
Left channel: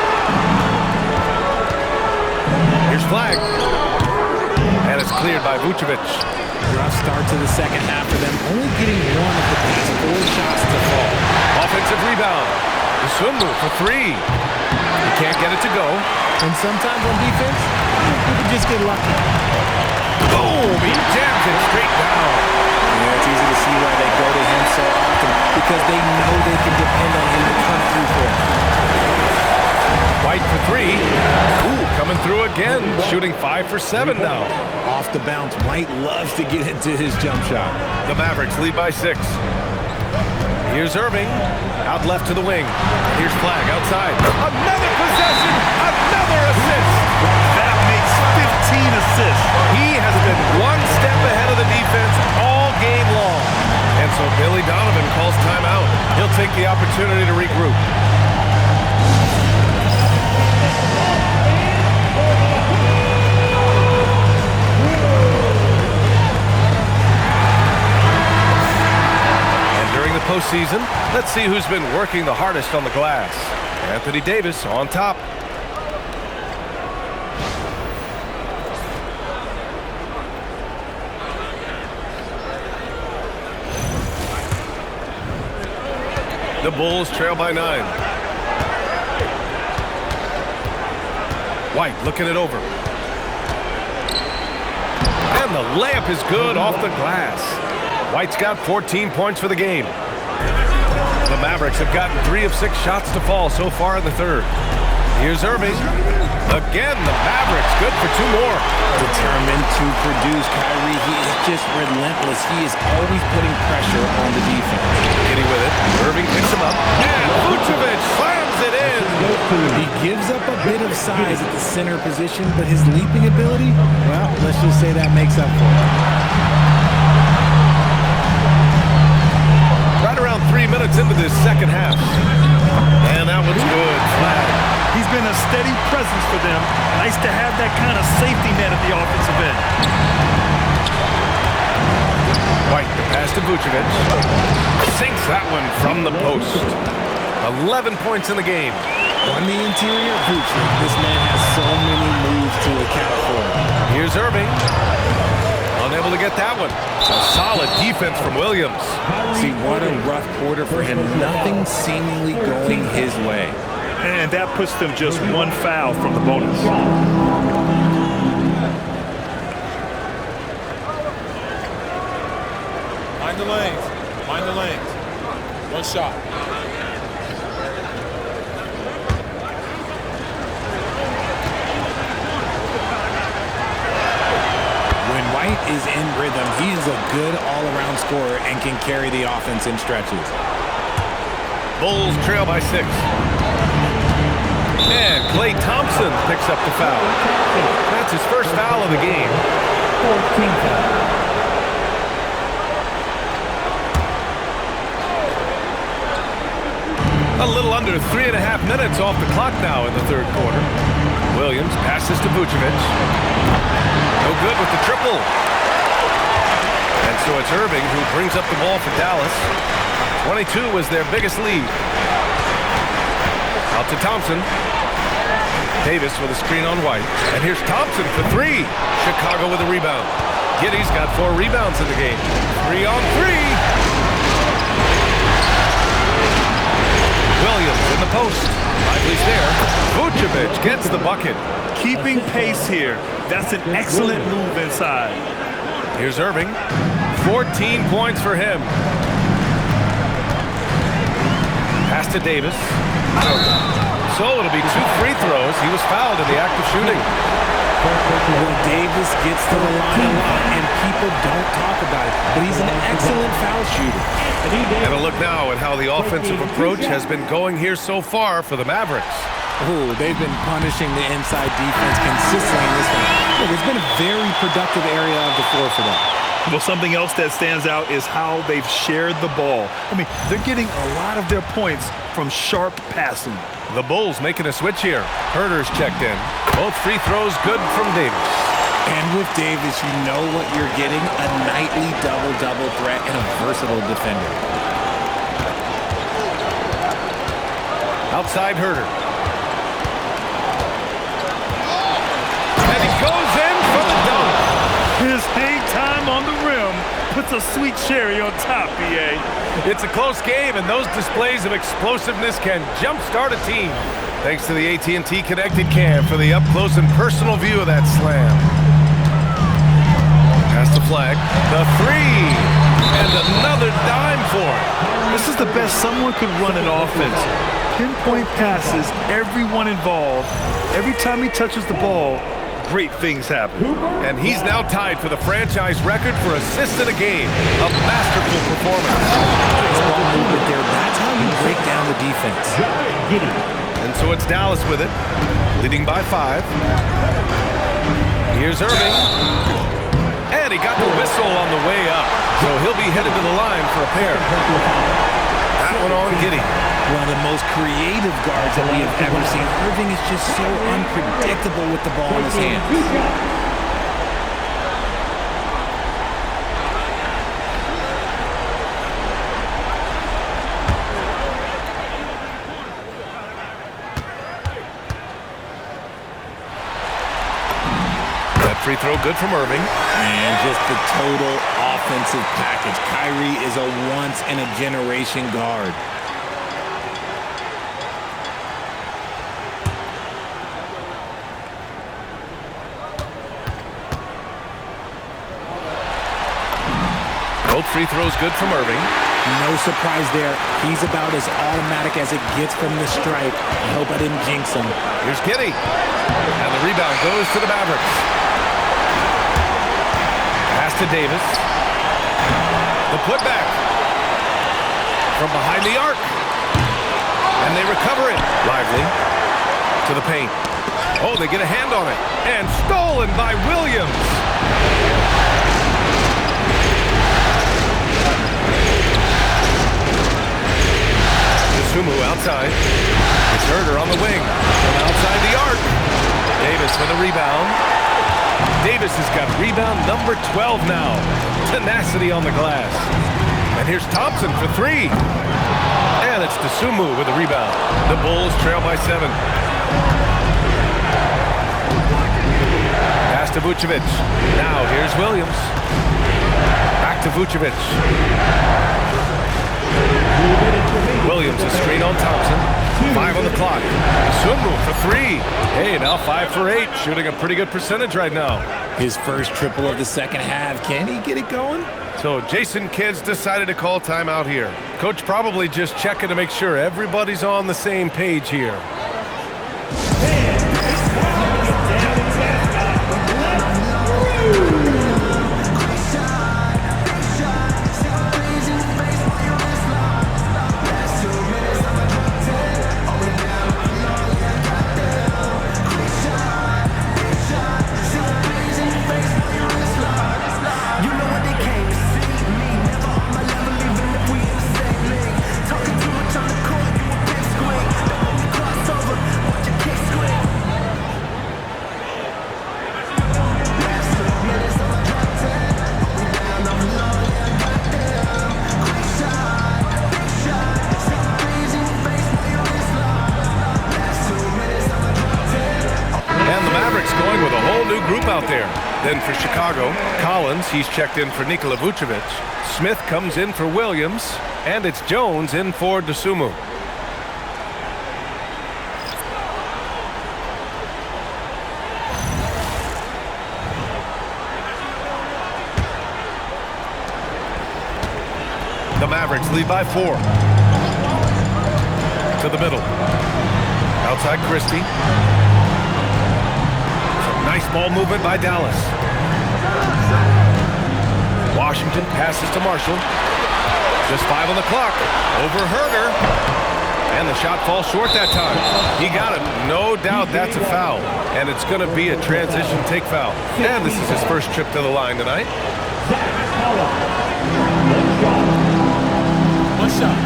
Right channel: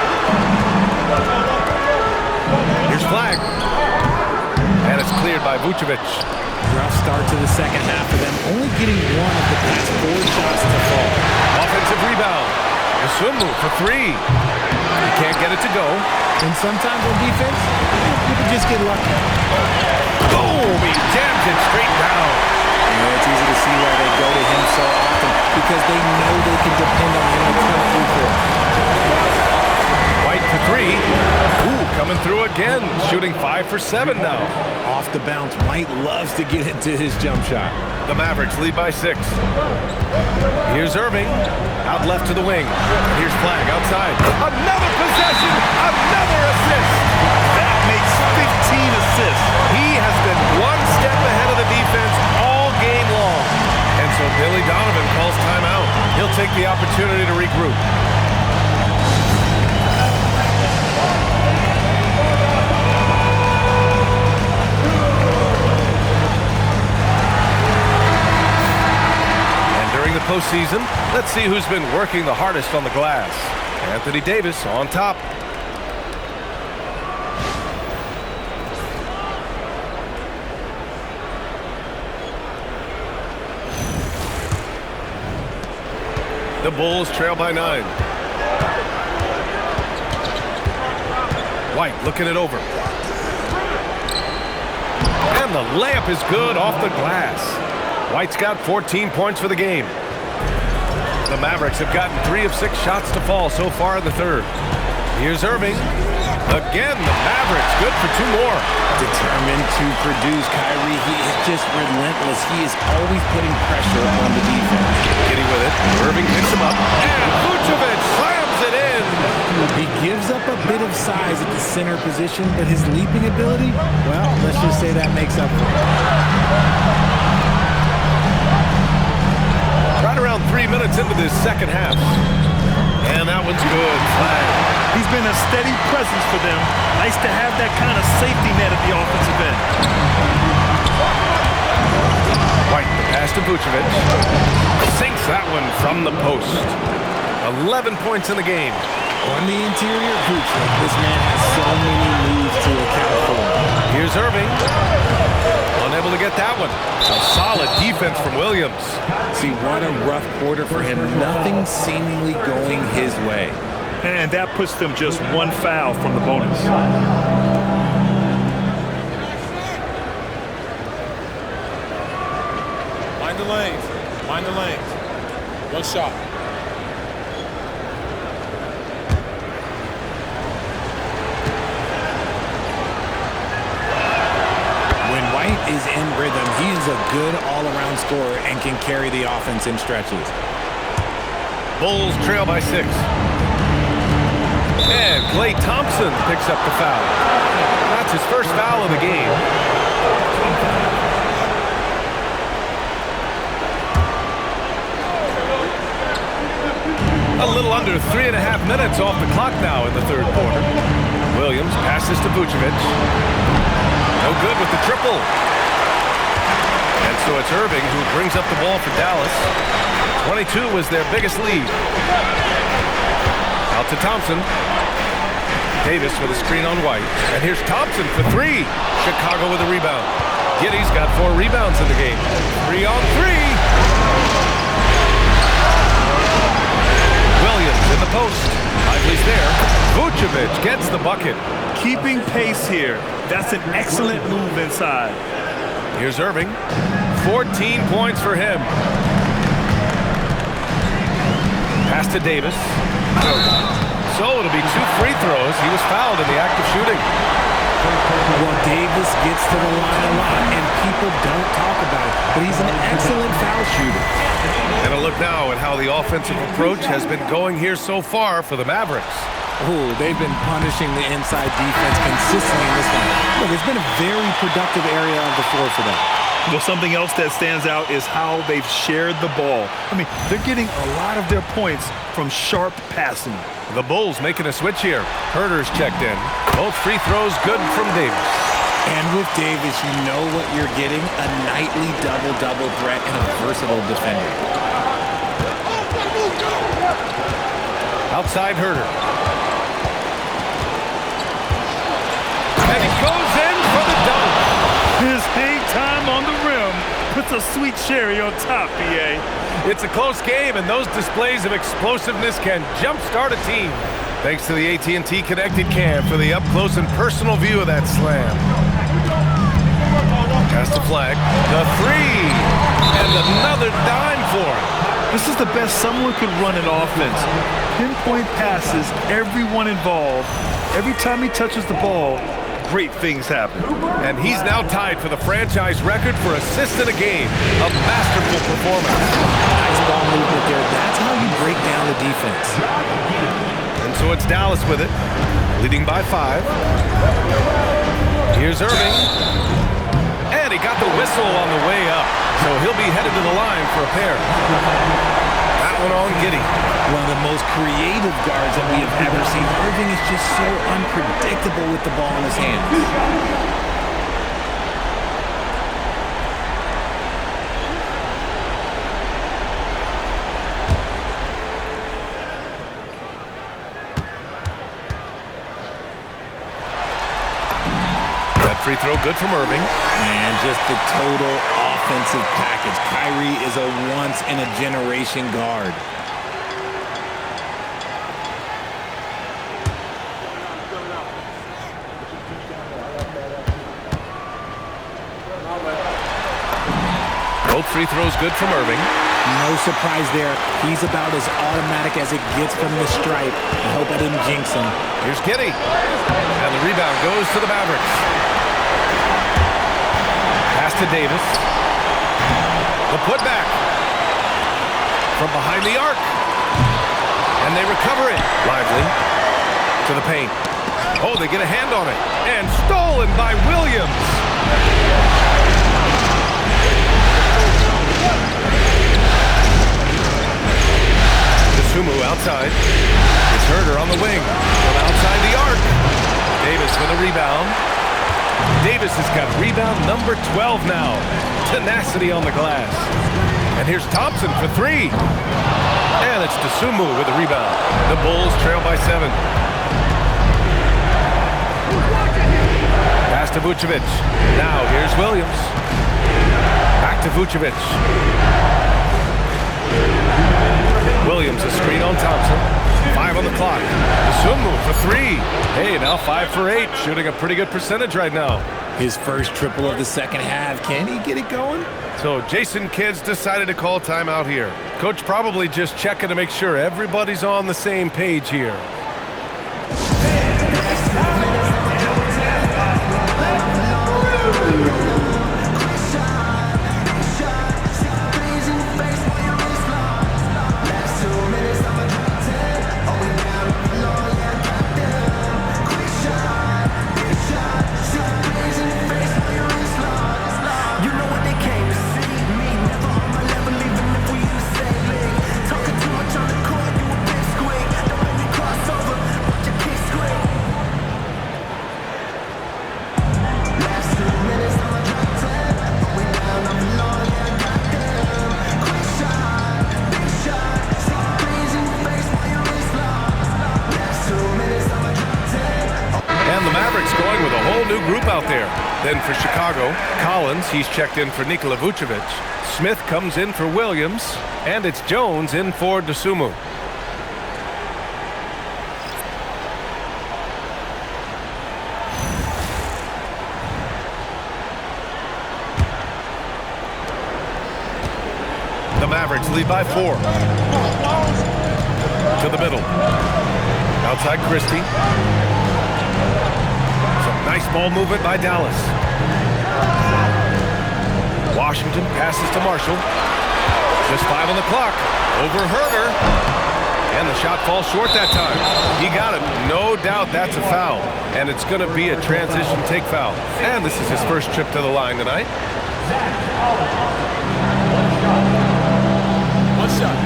Here's flag. And it's cleared by Vučević. Rough start to the second half for them, only getting one of the past 4 shots to fall. Offensive rebound. Dosunmu for 3. He can't get it to go. And sometimes on defense, you can just get lucky. Boom! He jams it straight down. Yeah, it's easy to see why they go to him so often, because they know they can depend on him to come through for them. White for 3. Ooh, coming through again. Shooting 5 for 7 now. Off the bounce, White loves to get into his jump shot. The Mavericks lead by 6. Here's Irving. Out left to the wing. And here's Flag outside. Another possession. Another assist. That makes 15 assists. He has been one step ahead of the defense all game long. And so Billy Donovan calls timeout. He'll take the opportunity to regroup. During the postseason, let's see who's been working the hardest on the glass. Anthony Davis on top. The Bulls trail by 9. White looking it over. And the layup is good off the glass. White's got 14 points for the game. The Mavericks have gotten 3 of 6 shots to fall so far in the third. Here's Irving. Again, the Mavericks good for 2 more. Determined to produce, Kyrie. He is just relentless. He is always putting pressure on the defense. Giddey with it. Irving picks him up. And Vučević slams it in. He gives up a bit of size at the center position, but his leaping ability, well, let's just say that makes up for it. Right around 3 minutes into this second half. And that one's good. Flag. He's been a steady presence for them. Nice to have that kind of safety net at the offensive end. White, the pass to Vučević. Sinks that one from the post. 11 points in the game. On the interior, Vučević. This man has so many moves to account for. Here's Irving. Unable to get that one. A solid defense from Williams. See, what a rough quarter for him. Nothing seemingly going his way. And that puts them just 1 foul from the bonus. Mind the lanes. Mind the lanes. 1 shot. When White is in rhythm, he is a good all-around scorer and can carry the offense in stretches. Bulls trail by 6. And Klay Thompson picks up the foul. That's his first foul of the game. A little under 3.5 minutes off the clock now in the third quarter. Williams passes to Vučević. No good with the triple. And so it's Irving who brings up the ball for Dallas. 22 was their biggest lead. Out to Thompson. Davis with a screen on White. And here's Thompson for 3. Chicago with a rebound. Giddey's got 4 rebounds in the game. 3 on 3. Williams in the post. Lively's there. Vučević gets the bucket. Keeping pace here. That's an excellent move inside. Here's Irving. 14 points for him. Pass to Davis. So it'll be 2 free throws. He was fouled in the act of shooting. Well, Davis gets to the line a lot, and people don't talk about it, but he's an excellent foul shooter. And a look now at how the offensive approach has been going here so far for the Mavericks. Oh, they've been punishing the inside defense consistently in this one. Look, it's been a very productive area of the floor for them. Well, something else that stands out is how they've shared the ball. I mean, they're getting a lot of their points from sharp passing. The Bulls making a switch here. Herter's checked in. Both free throws good from Davis. And with Davis, you know what you're getting, a nightly double-double threat and a versatile defender. Outside Herter. And he goes in for the dunk. His hang time on the rim puts a sweet cherry on top, B.A. It's a close game, and those displays of explosiveness can jumpstart a team. Thanks to the AT&T Connected Cam for the up-close and personal view of that slam. Pass the flag. The three. And another dime for it. This is the best someone could run an offense. Pinpoint passes, everyone involved. Every time he touches the ball, great things happen. And he's now tied for the franchise record for assists in a game. A masterful performance. Nice ball movement there. That's how you break down the defense. And so it's Dallas with it, leading by 5. Here's Irving. And he got the whistle on the way up. So he'll be headed to the line for a pair. That one on Giddey. One of the most creative guards that we have ever seen. Irving is just so unpredictable with the ball in his hands. That free throw good from Irving. And just the total offensive package. Kyrie is a once-in-a-generation guard. Both free throws good from Irving. No surprise there. He's about as automatic as it gets from the stripe. I hope I didn't jinx him. Here's Giddey. And the rebound goes to the Mavericks. Pass to Davis. The putback. From behind the arc. And they recover it. Lively. To the paint. Oh, they get a hand on it. And stolen by Williams. Dosunmu outside. It's Herter on the wing. From outside the arc. Davis with a rebound. Davis has got rebound number 12 now. Tenacity on the glass. And here's Thompson for 3. And it's Dosunmu with the rebound. The Bulls trail by 7. Pass to Vučević. Now here's Williams. Back to Vučević. Williams a screen on Thompson. 5 on the clock. Dosunmu for 3. Hey, now 5 for 8. Shooting a pretty good percentage right now. His first triple of the second half. Can he get it going? So Jason Kidd's decided to call timeout here. Coach probably just checking to make sure everybody's on the same page here. Going with a whole new group out there. Then for Chicago, Collins, he's checked in for Nikola Vučević. Smith comes in for Williams, and it's Jones in for Dosunmu. The Mavericks lead by 4. To the middle. Outside Christie. Nice ball movement by Dallas. Washington passes to Marshall. Just 5 on the clock. Over Herter. And the shot falls short that time. He got it. No doubt that's a foul. And it's going to be a transition take foul. And this is his first trip to the line tonight. One shot.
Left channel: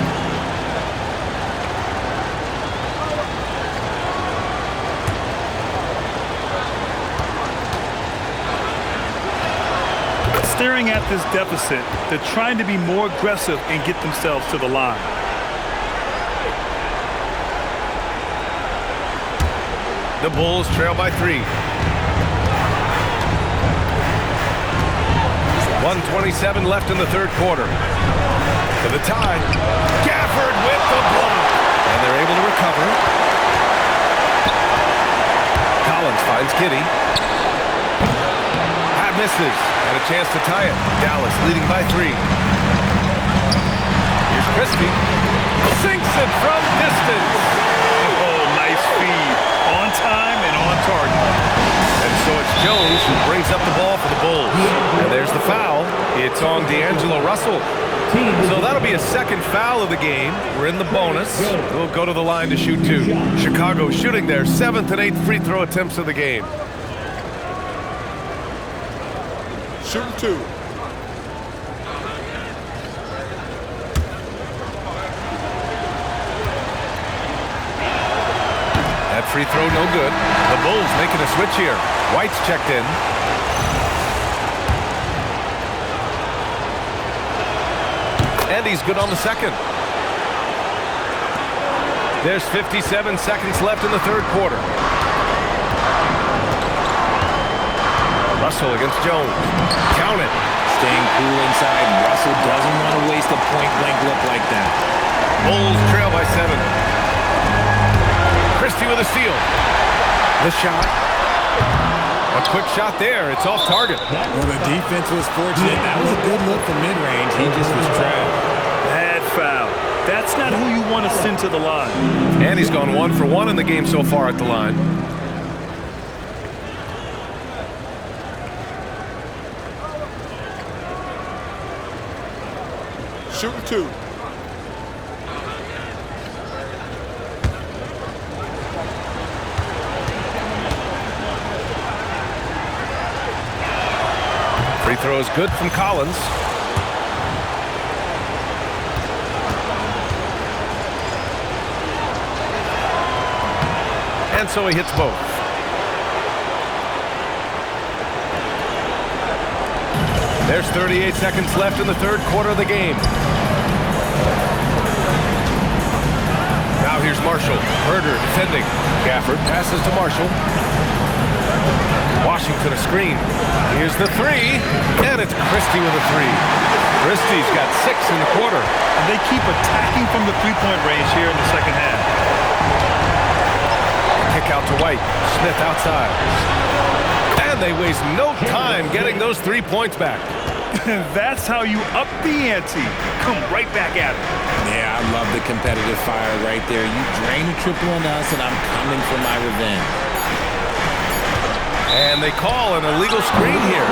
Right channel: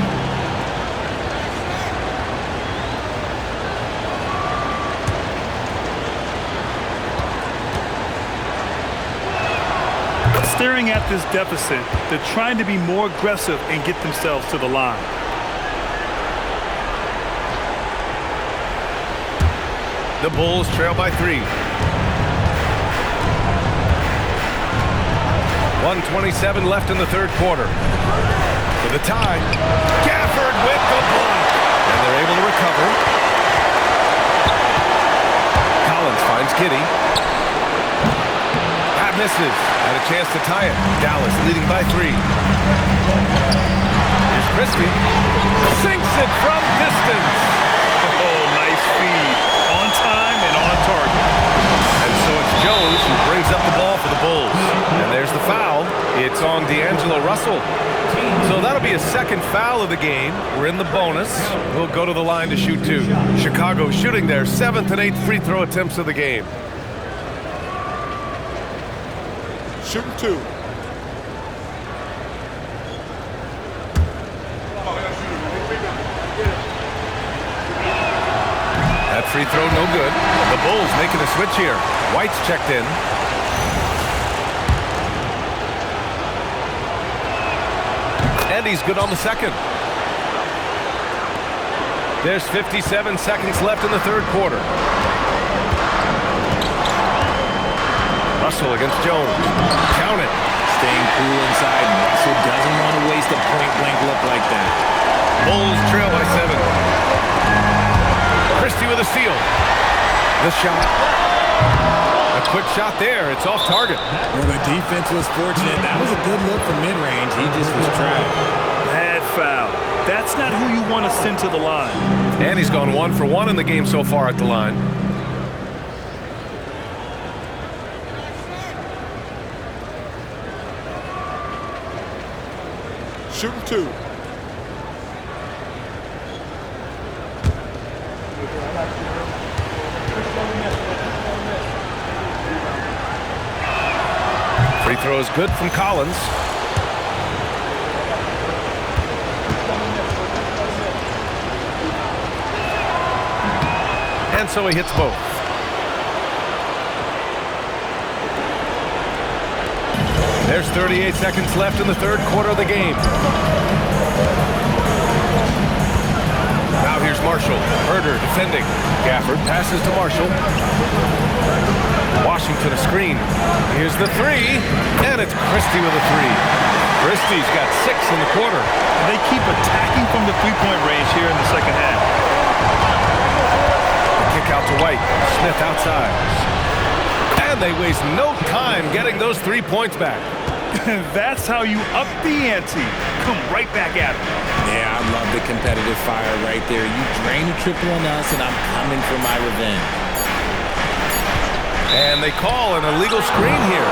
Staring at this deficit, they're trying to be more aggressive and get themselves to the line. The Bulls trail by 3. 1:27 left in the third quarter. For the tie, Gafford with the block. And they're able to recover. Collins finds Giddey. That misses. Had a chance to tie it. Dallas leading by 3. Here's Christie. Sinks it from distance. Oh, nice feed. On time and on target. And so it's Jones who brings up the ball for the Bulls. And there's the foul. It's on D'Angelo Russell. So that'll be a second foul of the game. We're in the bonus. We'll go to the line to shoot 2. Chicago shooting their 7th and 8th free throw attempts of the game. Shooting 2. That free throw no good. The Bulls making a switch here. White's checked in. And he's good on the second. There's 57 seconds left in the third quarter. Russell against Jones. Count it. Staying cool inside. Russell doesn't want to waste a point-blank look like that. Bulls trail by 7. Christie with a steal. The shot. A quick shot there. It's off target. Well, the defense was fortunate. That was a good look from mid-range. He just was trapped. Bad foul. That's not who you want to send to the line. And he's gone 1 for 1 in the game so far at the line. Shooting 2. Free throw is good from Collins. And so he hits both. There's 38 seconds left in the third quarter of the game. Now here's Marshall. Herder defending. Gafford passes to Marshall. Washington a screen. Here's the 3. And it's Christie with a 3. Christie's got 6 in the quarter. And they keep attacking from the three-point range here in the second half. The kick out to White. Smith outside. And they waste no time getting those 3 points back. That's how you up the ante. Come right back at him. Yeah, I love the competitive fire right there. You drain a triple on us, and I'm coming for my revenge. And they call an illegal screen here.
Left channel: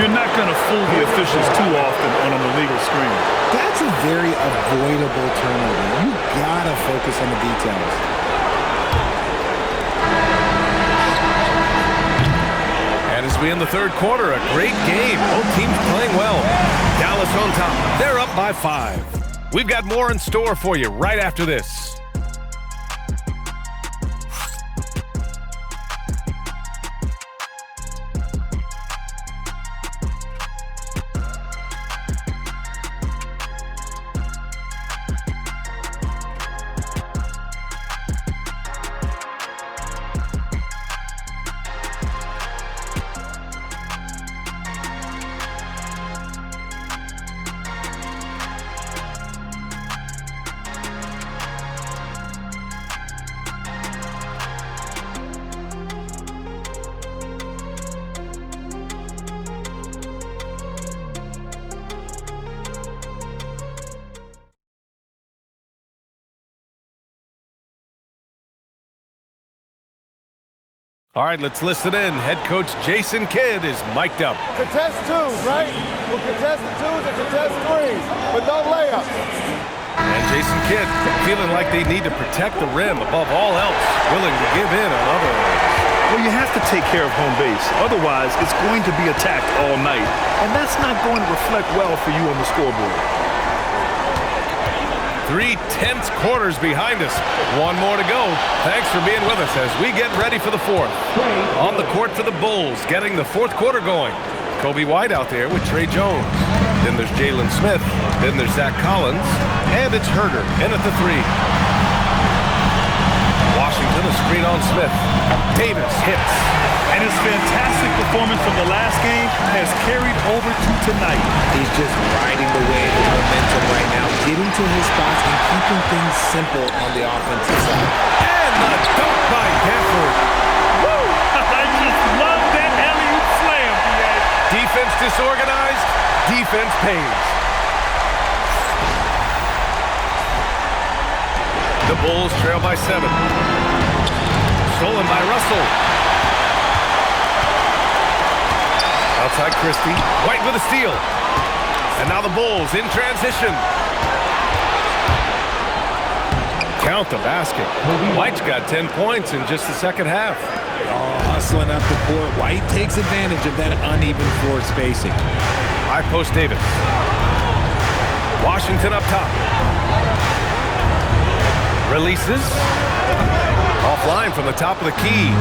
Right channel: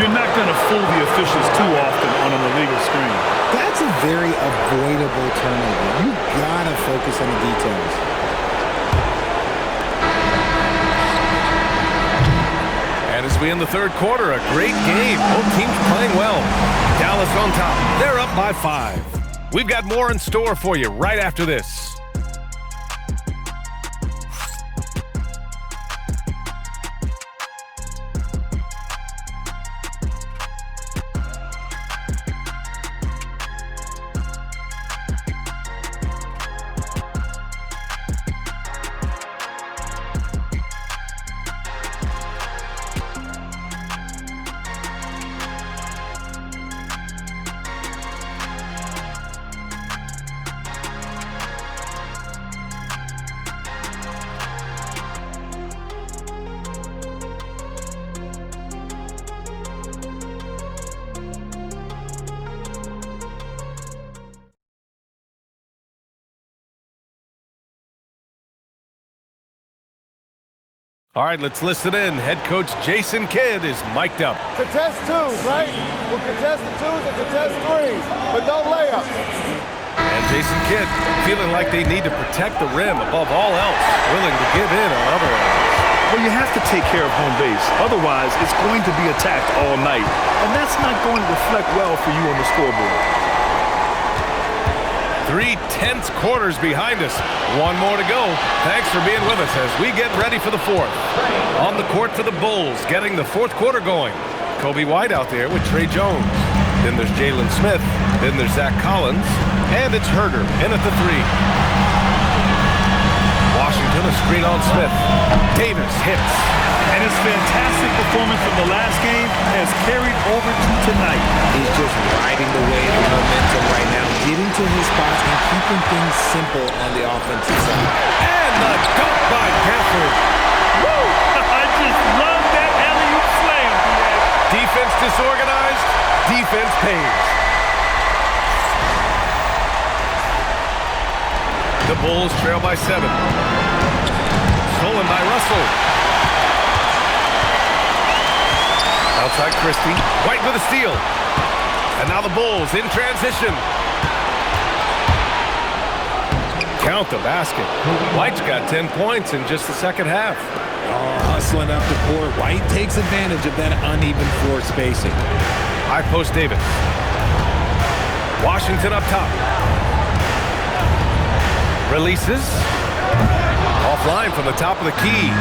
You're not going to fool the officials too often on an illegal screen. That's a very avoidable turnover. You got to focus on the details. And as we end the third quarter, a great game. Both teams playing well. Dallas on top. They're up by 5. We've got more in store for you right after this. All right, let's listen in. Head coach Jason Kidd is mic'd up. Contest 2s, right? We'll contest the 2s and contest 3s, but no layups. And Jason Kidd feeling like they need to protect the rim above all else, willing to give in on other areas. Well, you have to take care of home base. Otherwise, it's going to be attacked all night. And that's not going to reflect well for you on the scoreboard. 3 tense quarters behind us. One more to go. Thanks for being with us as we get ready for the fourth. On the court for the Bulls, getting the fourth quarter going. Kobe White out there with Trey Jones. Then there's Jalen Smith. Then there's Zach Collins. And it's Herder in at the 3. Washington, a screen on Smith. Davis hits. And his fantastic performance from the last game has carried over to tonight. He's just riding the wave of momentum right now, getting to his spots and keeping things simple on the offensive side. And the dunk by Gafford. Woo! I just love that alley-oop slam, B.A. Defense disorganized, defense pays. The Bulls trail by 7. Stolen by Russell. Outside Christie. White with a steal. And now the Bulls in transition. Count the basket. White's got 10 points in just the second half. Oh, hustling up the court. White takes advantage of that uneven floor spacing. High post Davis. Washington up top. Releases. Offline from the top of the key.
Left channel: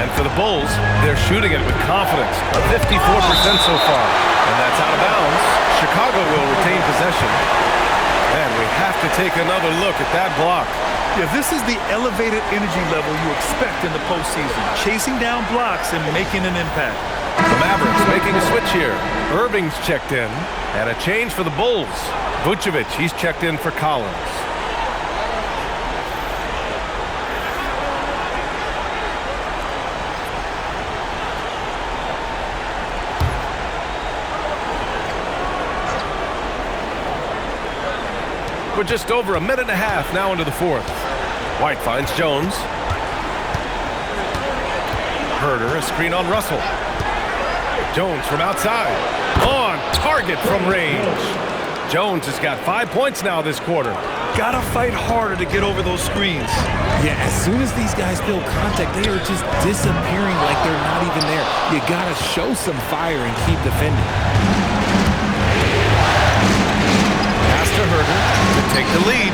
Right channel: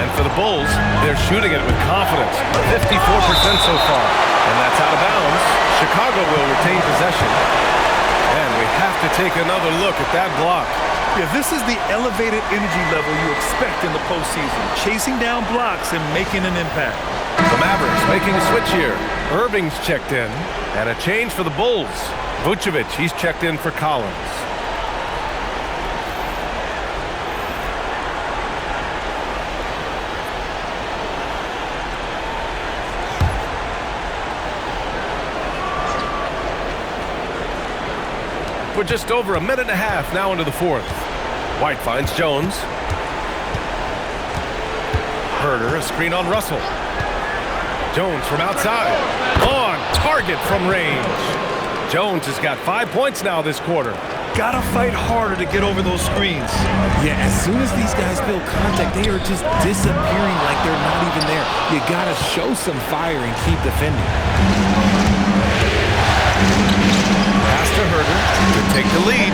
And for the Bulls, they're shooting it with confidence. 54% so far. And that's out of bounds. Chicago will retain possession. And we have to take another look at that block. Yeah, this is the elevated energy level you expect in the postseason. Chasing down blocks and making an impact. The Mavericks making a switch here. Irving's checked in. And a change for the Bulls. Vučević, he's checked in for Collins. We're just over a minute and a half now into the fourth. White finds Jones. Herder, a screen on Russell. Jones from outside. On target from range. Jones has got 5 points now this quarter. Gotta fight harder to get over those screens. Yeah, as soon as these guys feel contact, they are just disappearing like they're not even there. You gotta show some fire and keep defending. To Herder to take the lead.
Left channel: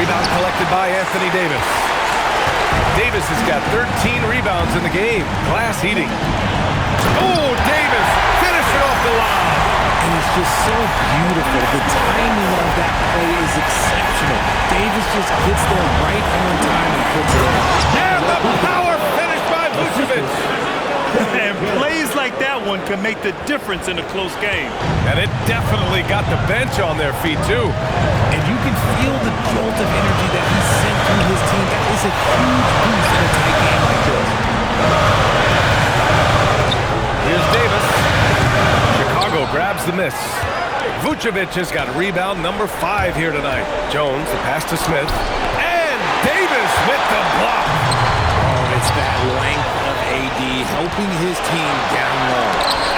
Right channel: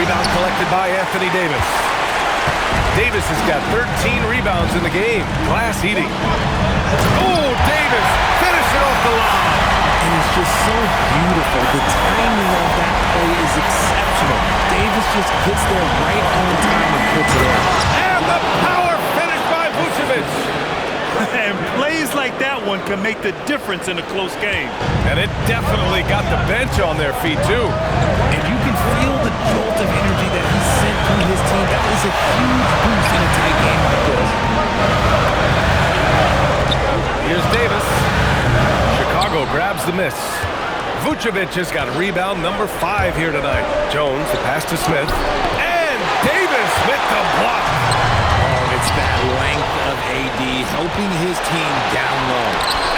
Rebound collected by Anthony Davis. Davis has got 13 rebounds in the game. Glass eating. Oh, Davis finishing off the lob. And it's just so beautiful. The timing of that play is exceptional. Davis just gets there right on time and puts it in. And the power finish by Vučević. And plays like that one can make the difference in a close game. And it definitely got the bench on their feet, too. And you can feel the jolt of energy that he sent to his team. That is a huge boost in a tight game like this. Here's Davis. Chicago grabs the miss. Vučević has got rebound number 5 here tonight. Jones, the pass to Smith. And Davis with the block. Oh, it's that length of AD helping his team down low.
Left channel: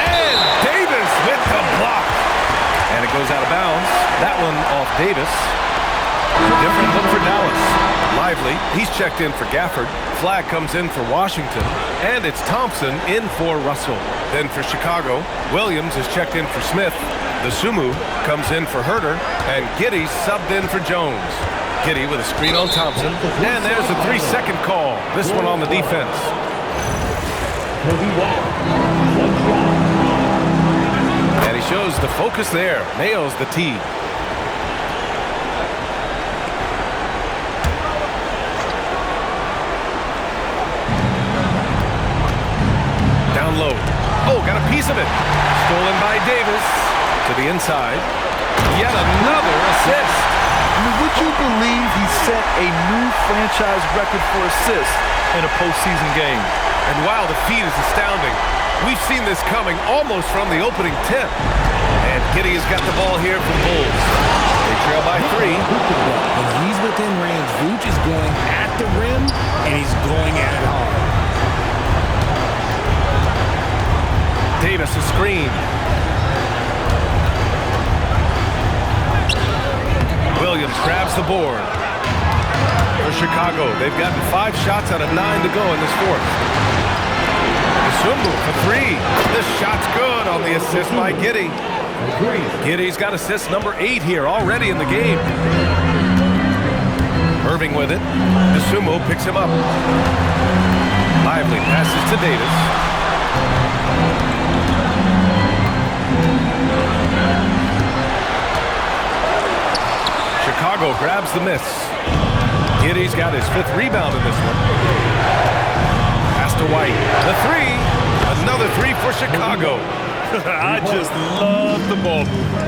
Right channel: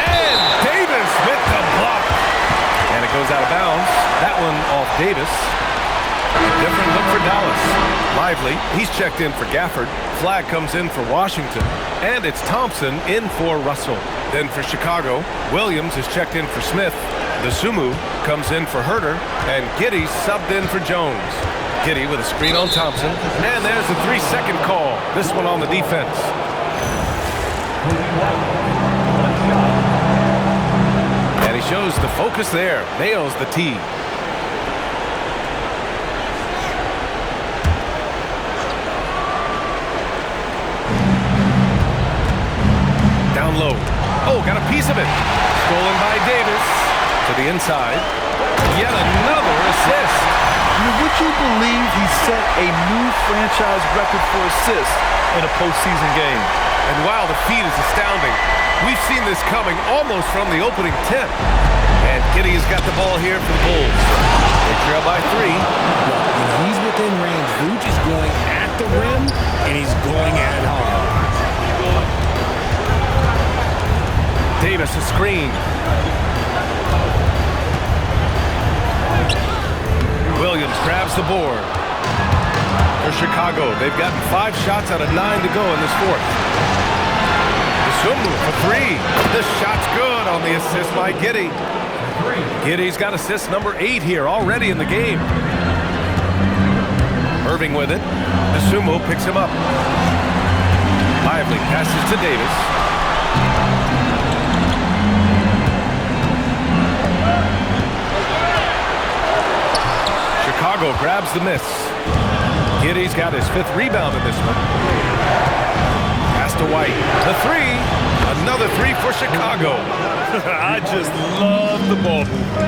And Davis with the block. And it goes out of bounds. That one off Davis. A different look for Dallas. Lively, he's checked in for Gafford. Flag comes in for Washington. And it's Thompson in for Russell. Then for Chicago, Williams is checked in for Smith. Dosunmu comes in for Herder. And Giddey subbed in for Jones. Giddey with a screen on Thompson. And there's the 3-second call. This one on the defense. And he shows the focus there. Nails the tee. Down low. Oh, got a piece of it. Stolen by Davis. To the inside. Yet another assist. I mean, would you believe he set a new franchise record for assists in a postseason game? And while the feat is astounding, we've seen this coming almost from the opening tip. And Giddey has got the ball here for the Bulls. They trail by 3. When he's within range, Vuč is going at the rim, and he's going at it hard. Davis a screen. Williams grabs the board. For Chicago, they've gotten 5 shots out of 9 to go in this fourth. Dosunmu for 3. The shot's good on the assist by Giddey. Giddey's got assist number 8 here already in the game. Irving with it. Dosunmu picks him up. Lively passes to Davis. Chicago grabs the miss. Giddey's got his 5th rebound in this one. Pass to White. The 3. Another 3 for Chicago. I just love the ball movement.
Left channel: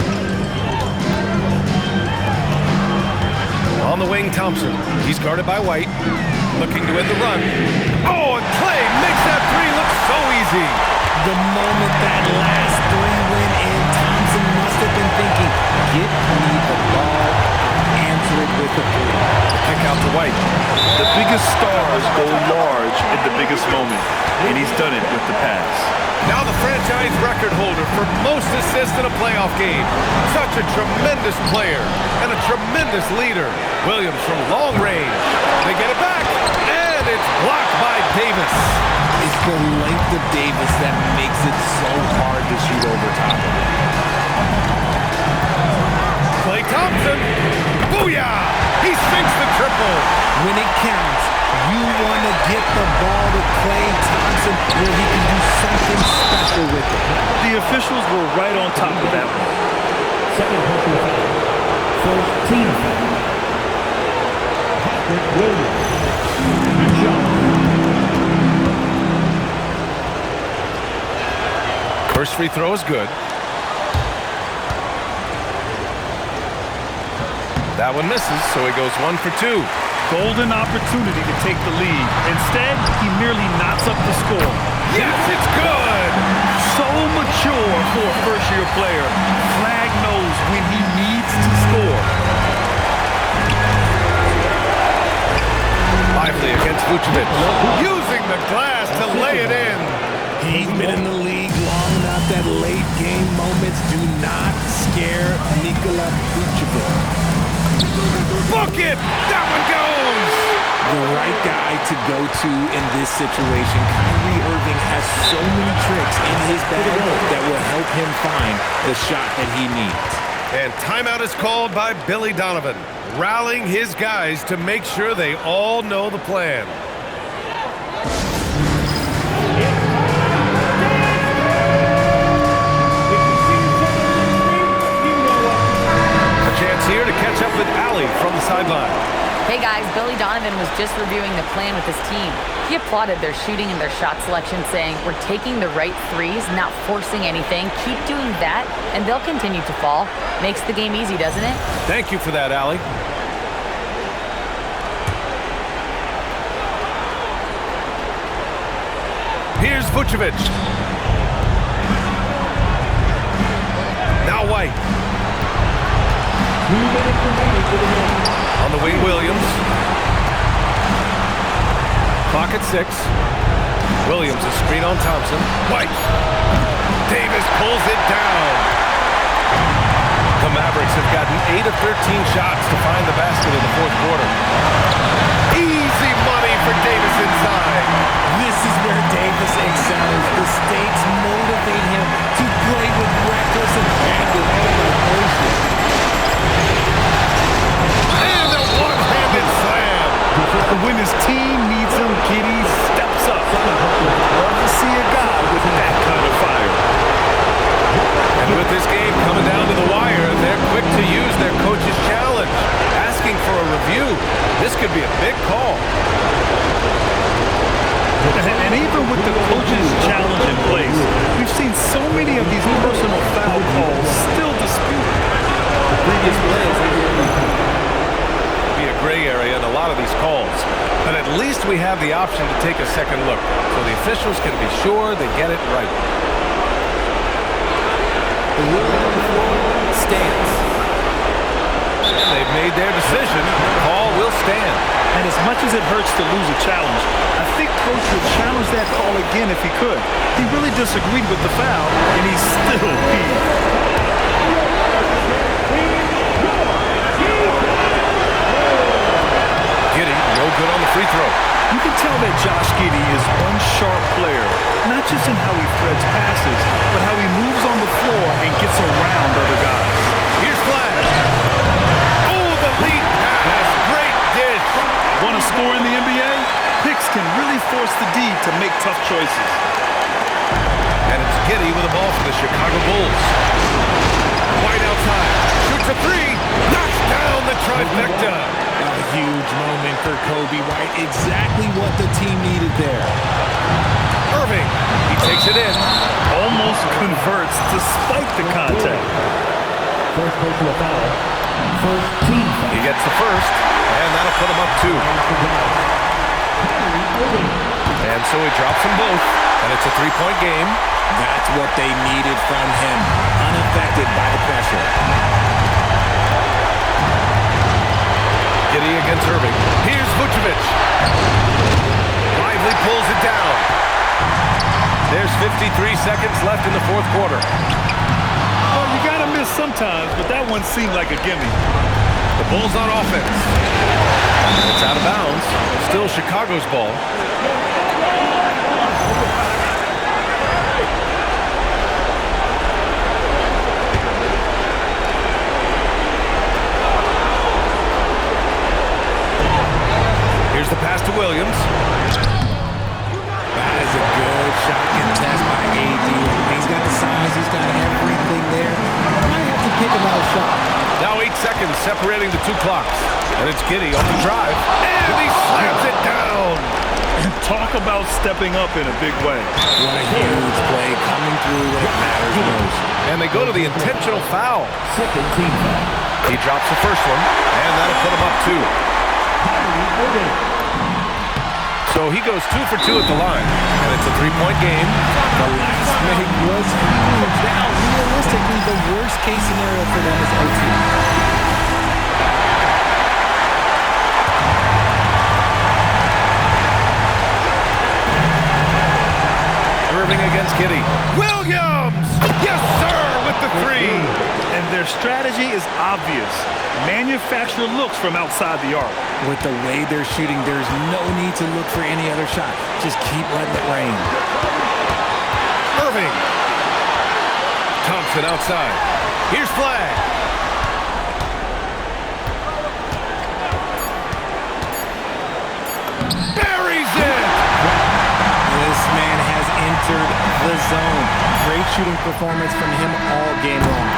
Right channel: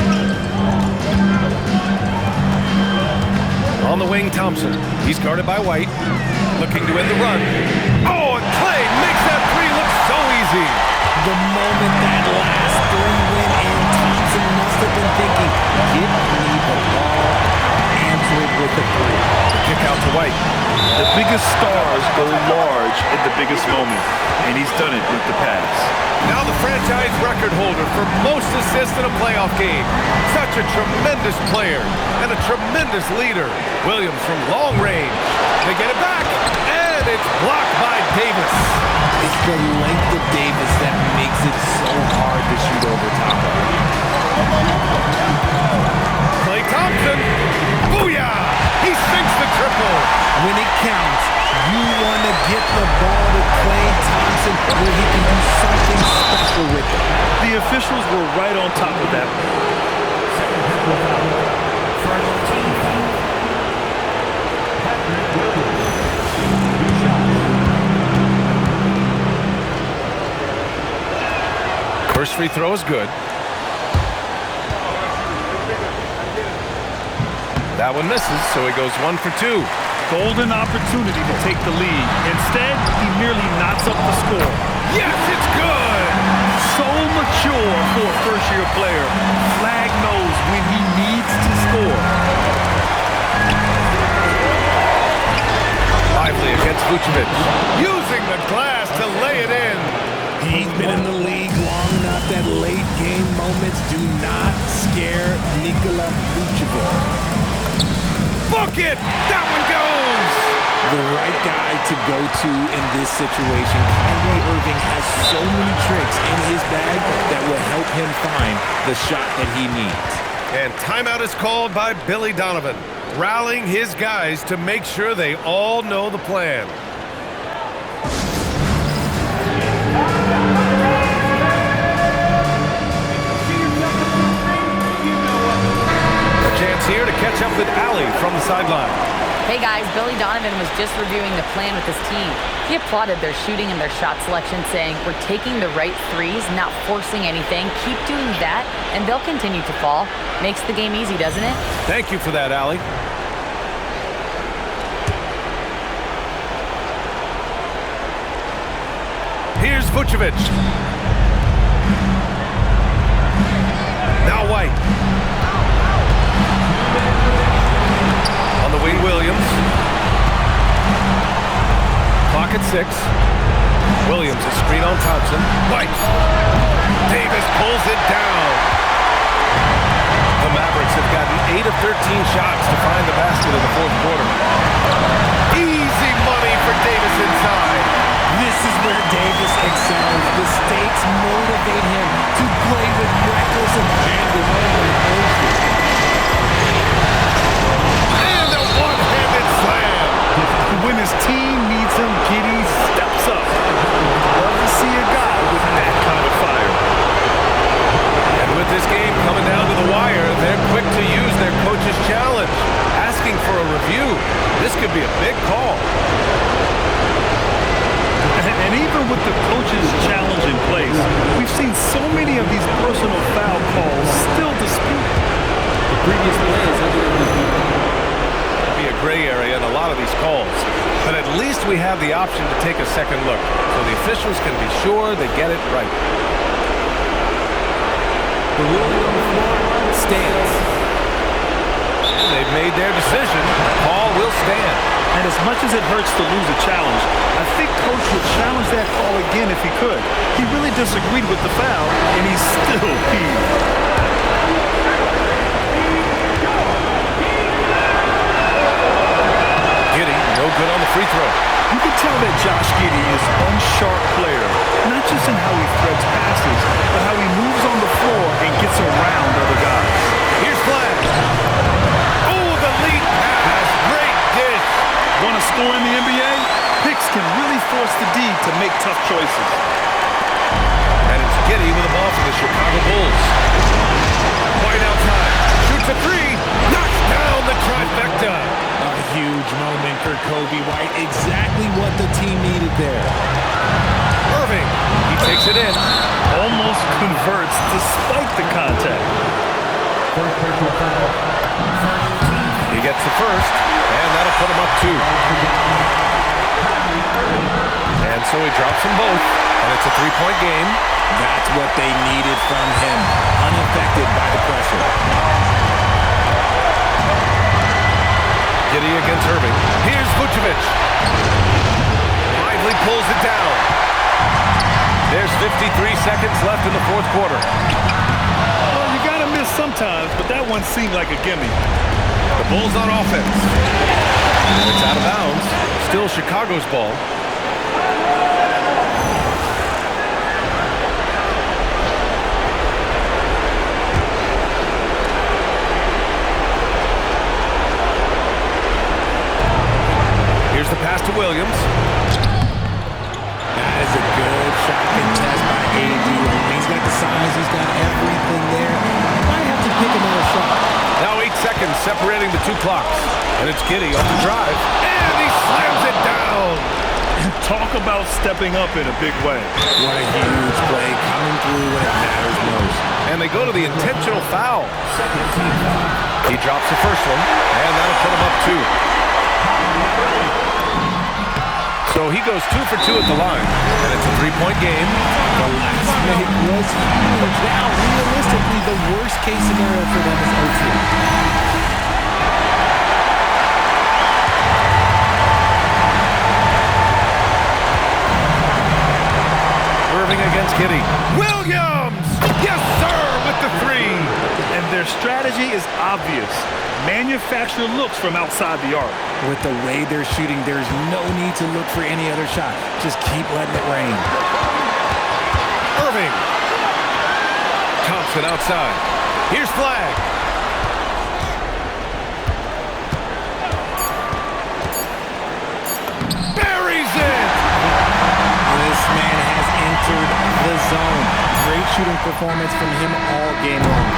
On the wing, Thompson. He's guarded by White. Looking to end the run. Oh, and Clay makes that 3 look so easy. The moment that last 3 went in, Thompson must have been thinking, get me the ball, I'll answer it with the 3. The kick out to White. The biggest stars go large at the biggest moment, and he's done it with the pass. Now the franchise record holder for most assists in a playoff game. Such a tremendous player and a tremendous leader. Williams from long range. They get it back, and it's blocked by Davis. It's the length of Davis that makes it so hard to shoot over top of it. Klay Thompson. Booyah! He sinks the triple. When it counts, you want to get the ball to Klay Thompson where he can do something special with it. The officials were right on top of that one. Second personal foul. First team foul. Patrick Williams. Good shot. First free throw is good. That one misses, so he goes 1 for 2. Golden opportunity to take the lead. Instead, he merely knots up the score. Yes, it's good! So mature for a first-year player. Flag knows when he needs to score. Lively against Vučević. Using the glass to lay it in. He's been in the league long enough that late game moments do not scare Nikola Vučević. Book it! That one goes! The right guy to go to in this situation. Kyrie Irving has so many tricks in his bag that will help him find the shot that he needs. And timeout is called by Billy Donovan, rallying his guys to make sure they all know the plan. Chance here to catch up with Allie from the sideline. Hey guys, Billy Donovan was just reviewing the plan with his team. He applauded their shooting and their shot selection, saying, we're taking the right threes, not forcing anything. Keep doing that, and they'll continue to fall. Makes the game easy, doesn't it? Thank you for that, Allie. Here's Vučević. Now White. On the wing, Williams. Clock at 6. Williams, a screen on Thompson. White. Davis pulls it down. The Mavericks have gotten 8 of 13 shots to find the basket in the fourth quarter. Easy money for Davis inside. This is where Davis excels. The stakes motivate him to play with reckless abandon. Oh my gracious. One-handed slam. When his team needs him, Giddey steps up. Love to see a guy with that kind of fire. And with this game coming down to the wire, they're quick to use their coach's challenge, asking for a review. This could be a big call. And even with the coach's challenge in place, we've seen so many of these personal foul calls still disputed. The previous play is be a gray area in a lot of these calls, but at least we have the option to take a second look, so the officials can be sure they get it right. The ruling on the floor stands. And they've made their decision. The call will stand. And as much as it hurts to lose a challenge, I think Coach would challenge that call again if he could. He really disagreed with the foul, and he's still peeved. good on the free throw. You can tell that Josh Giddey is one sharp player, not just in how he threads passes, but how he moves on the floor and gets around other guys. Here's Flash. Oh, the lead pass. Great dish. Want to score in the NBA? Picks can really force the D to make tough choices. And it's Giddey with the ball for the Chicago Bulls. White outside. Shoots a three. Knocks down the trifecta. A huge moment for Kobe White. Exactly what the team needed there. Irving. He takes it in. Almost converts despite the contact. First personal foul. First team foul. He gets the first, and that'll put him up 2. And so he drops them both, and it's a 3-point game. That's what they needed from him. Unaffected by the pressure. Giddey against Irving. Here's Vučević. Lively pulls it down. There's 53 seconds left in the fourth quarter. Well, you gotta miss sometimes, but that one seemed like a gimme. The Bulls on offense. And it's out of bounds. Still Chicago's ball. Here's the pass to Williams. That is a good shot contest by AD. He's got the size, he's got everything there. Might have to pick another shot. Now 8 seconds separating the 2 clocks. And it's Giddey on the drive. And he slams it down. Talk about stepping up in a big way. What a huge play coming through when it matters most. And they go to the intentional foul. Second team foul. He drops the first one, and that'll put him up 2. So he goes 2 for 2 at the line, and it's a 3-point game. The last make was huge. Now, realistically, the worst case scenario for them is OT. Irving against Giddey. Williams! Yes, sir, with the 3. And their strategy is obvious. Manufacture looks from outside the arc. With the way they're shooting, there's no need to look for any other shot. Just keep letting it rain. Irving. Thompson outside. Here's Flag. Buries it! This man has entered the zone. Great shooting performance from him all game long.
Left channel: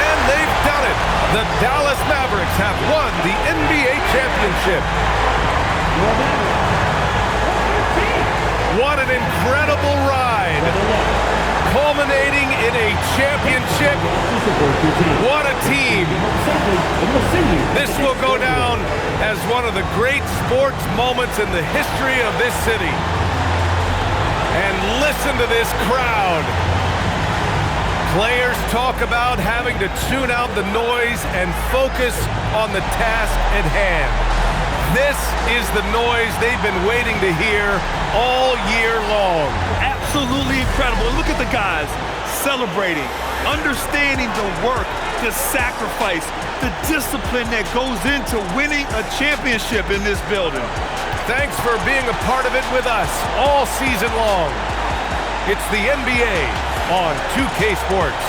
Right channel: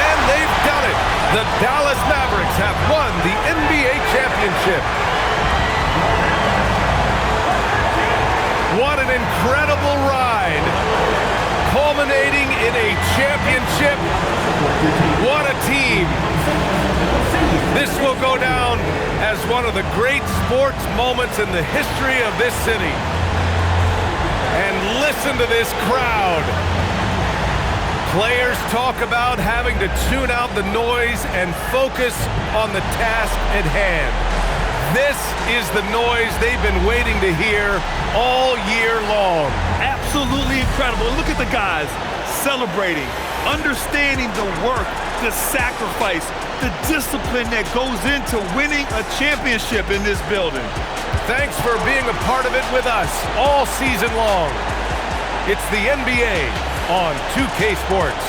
And they've done it. The Dallas Mavericks have won the NBA championship. What an incredible ride. Culminating in a championship. What a team. This will go down as one of the great sports moments in the history of this city. And listen to this crowd. Players talk about having to tune out the noise and focus on the task at hand. This is the noise they've been waiting to hear all year long. Absolutely incredible. Look at the guys celebrating, understanding the work, the sacrifice, the discipline that goes into winning a championship in this building. Thanks for being a part of it with us all season long. It's the NBA on 2K Sports.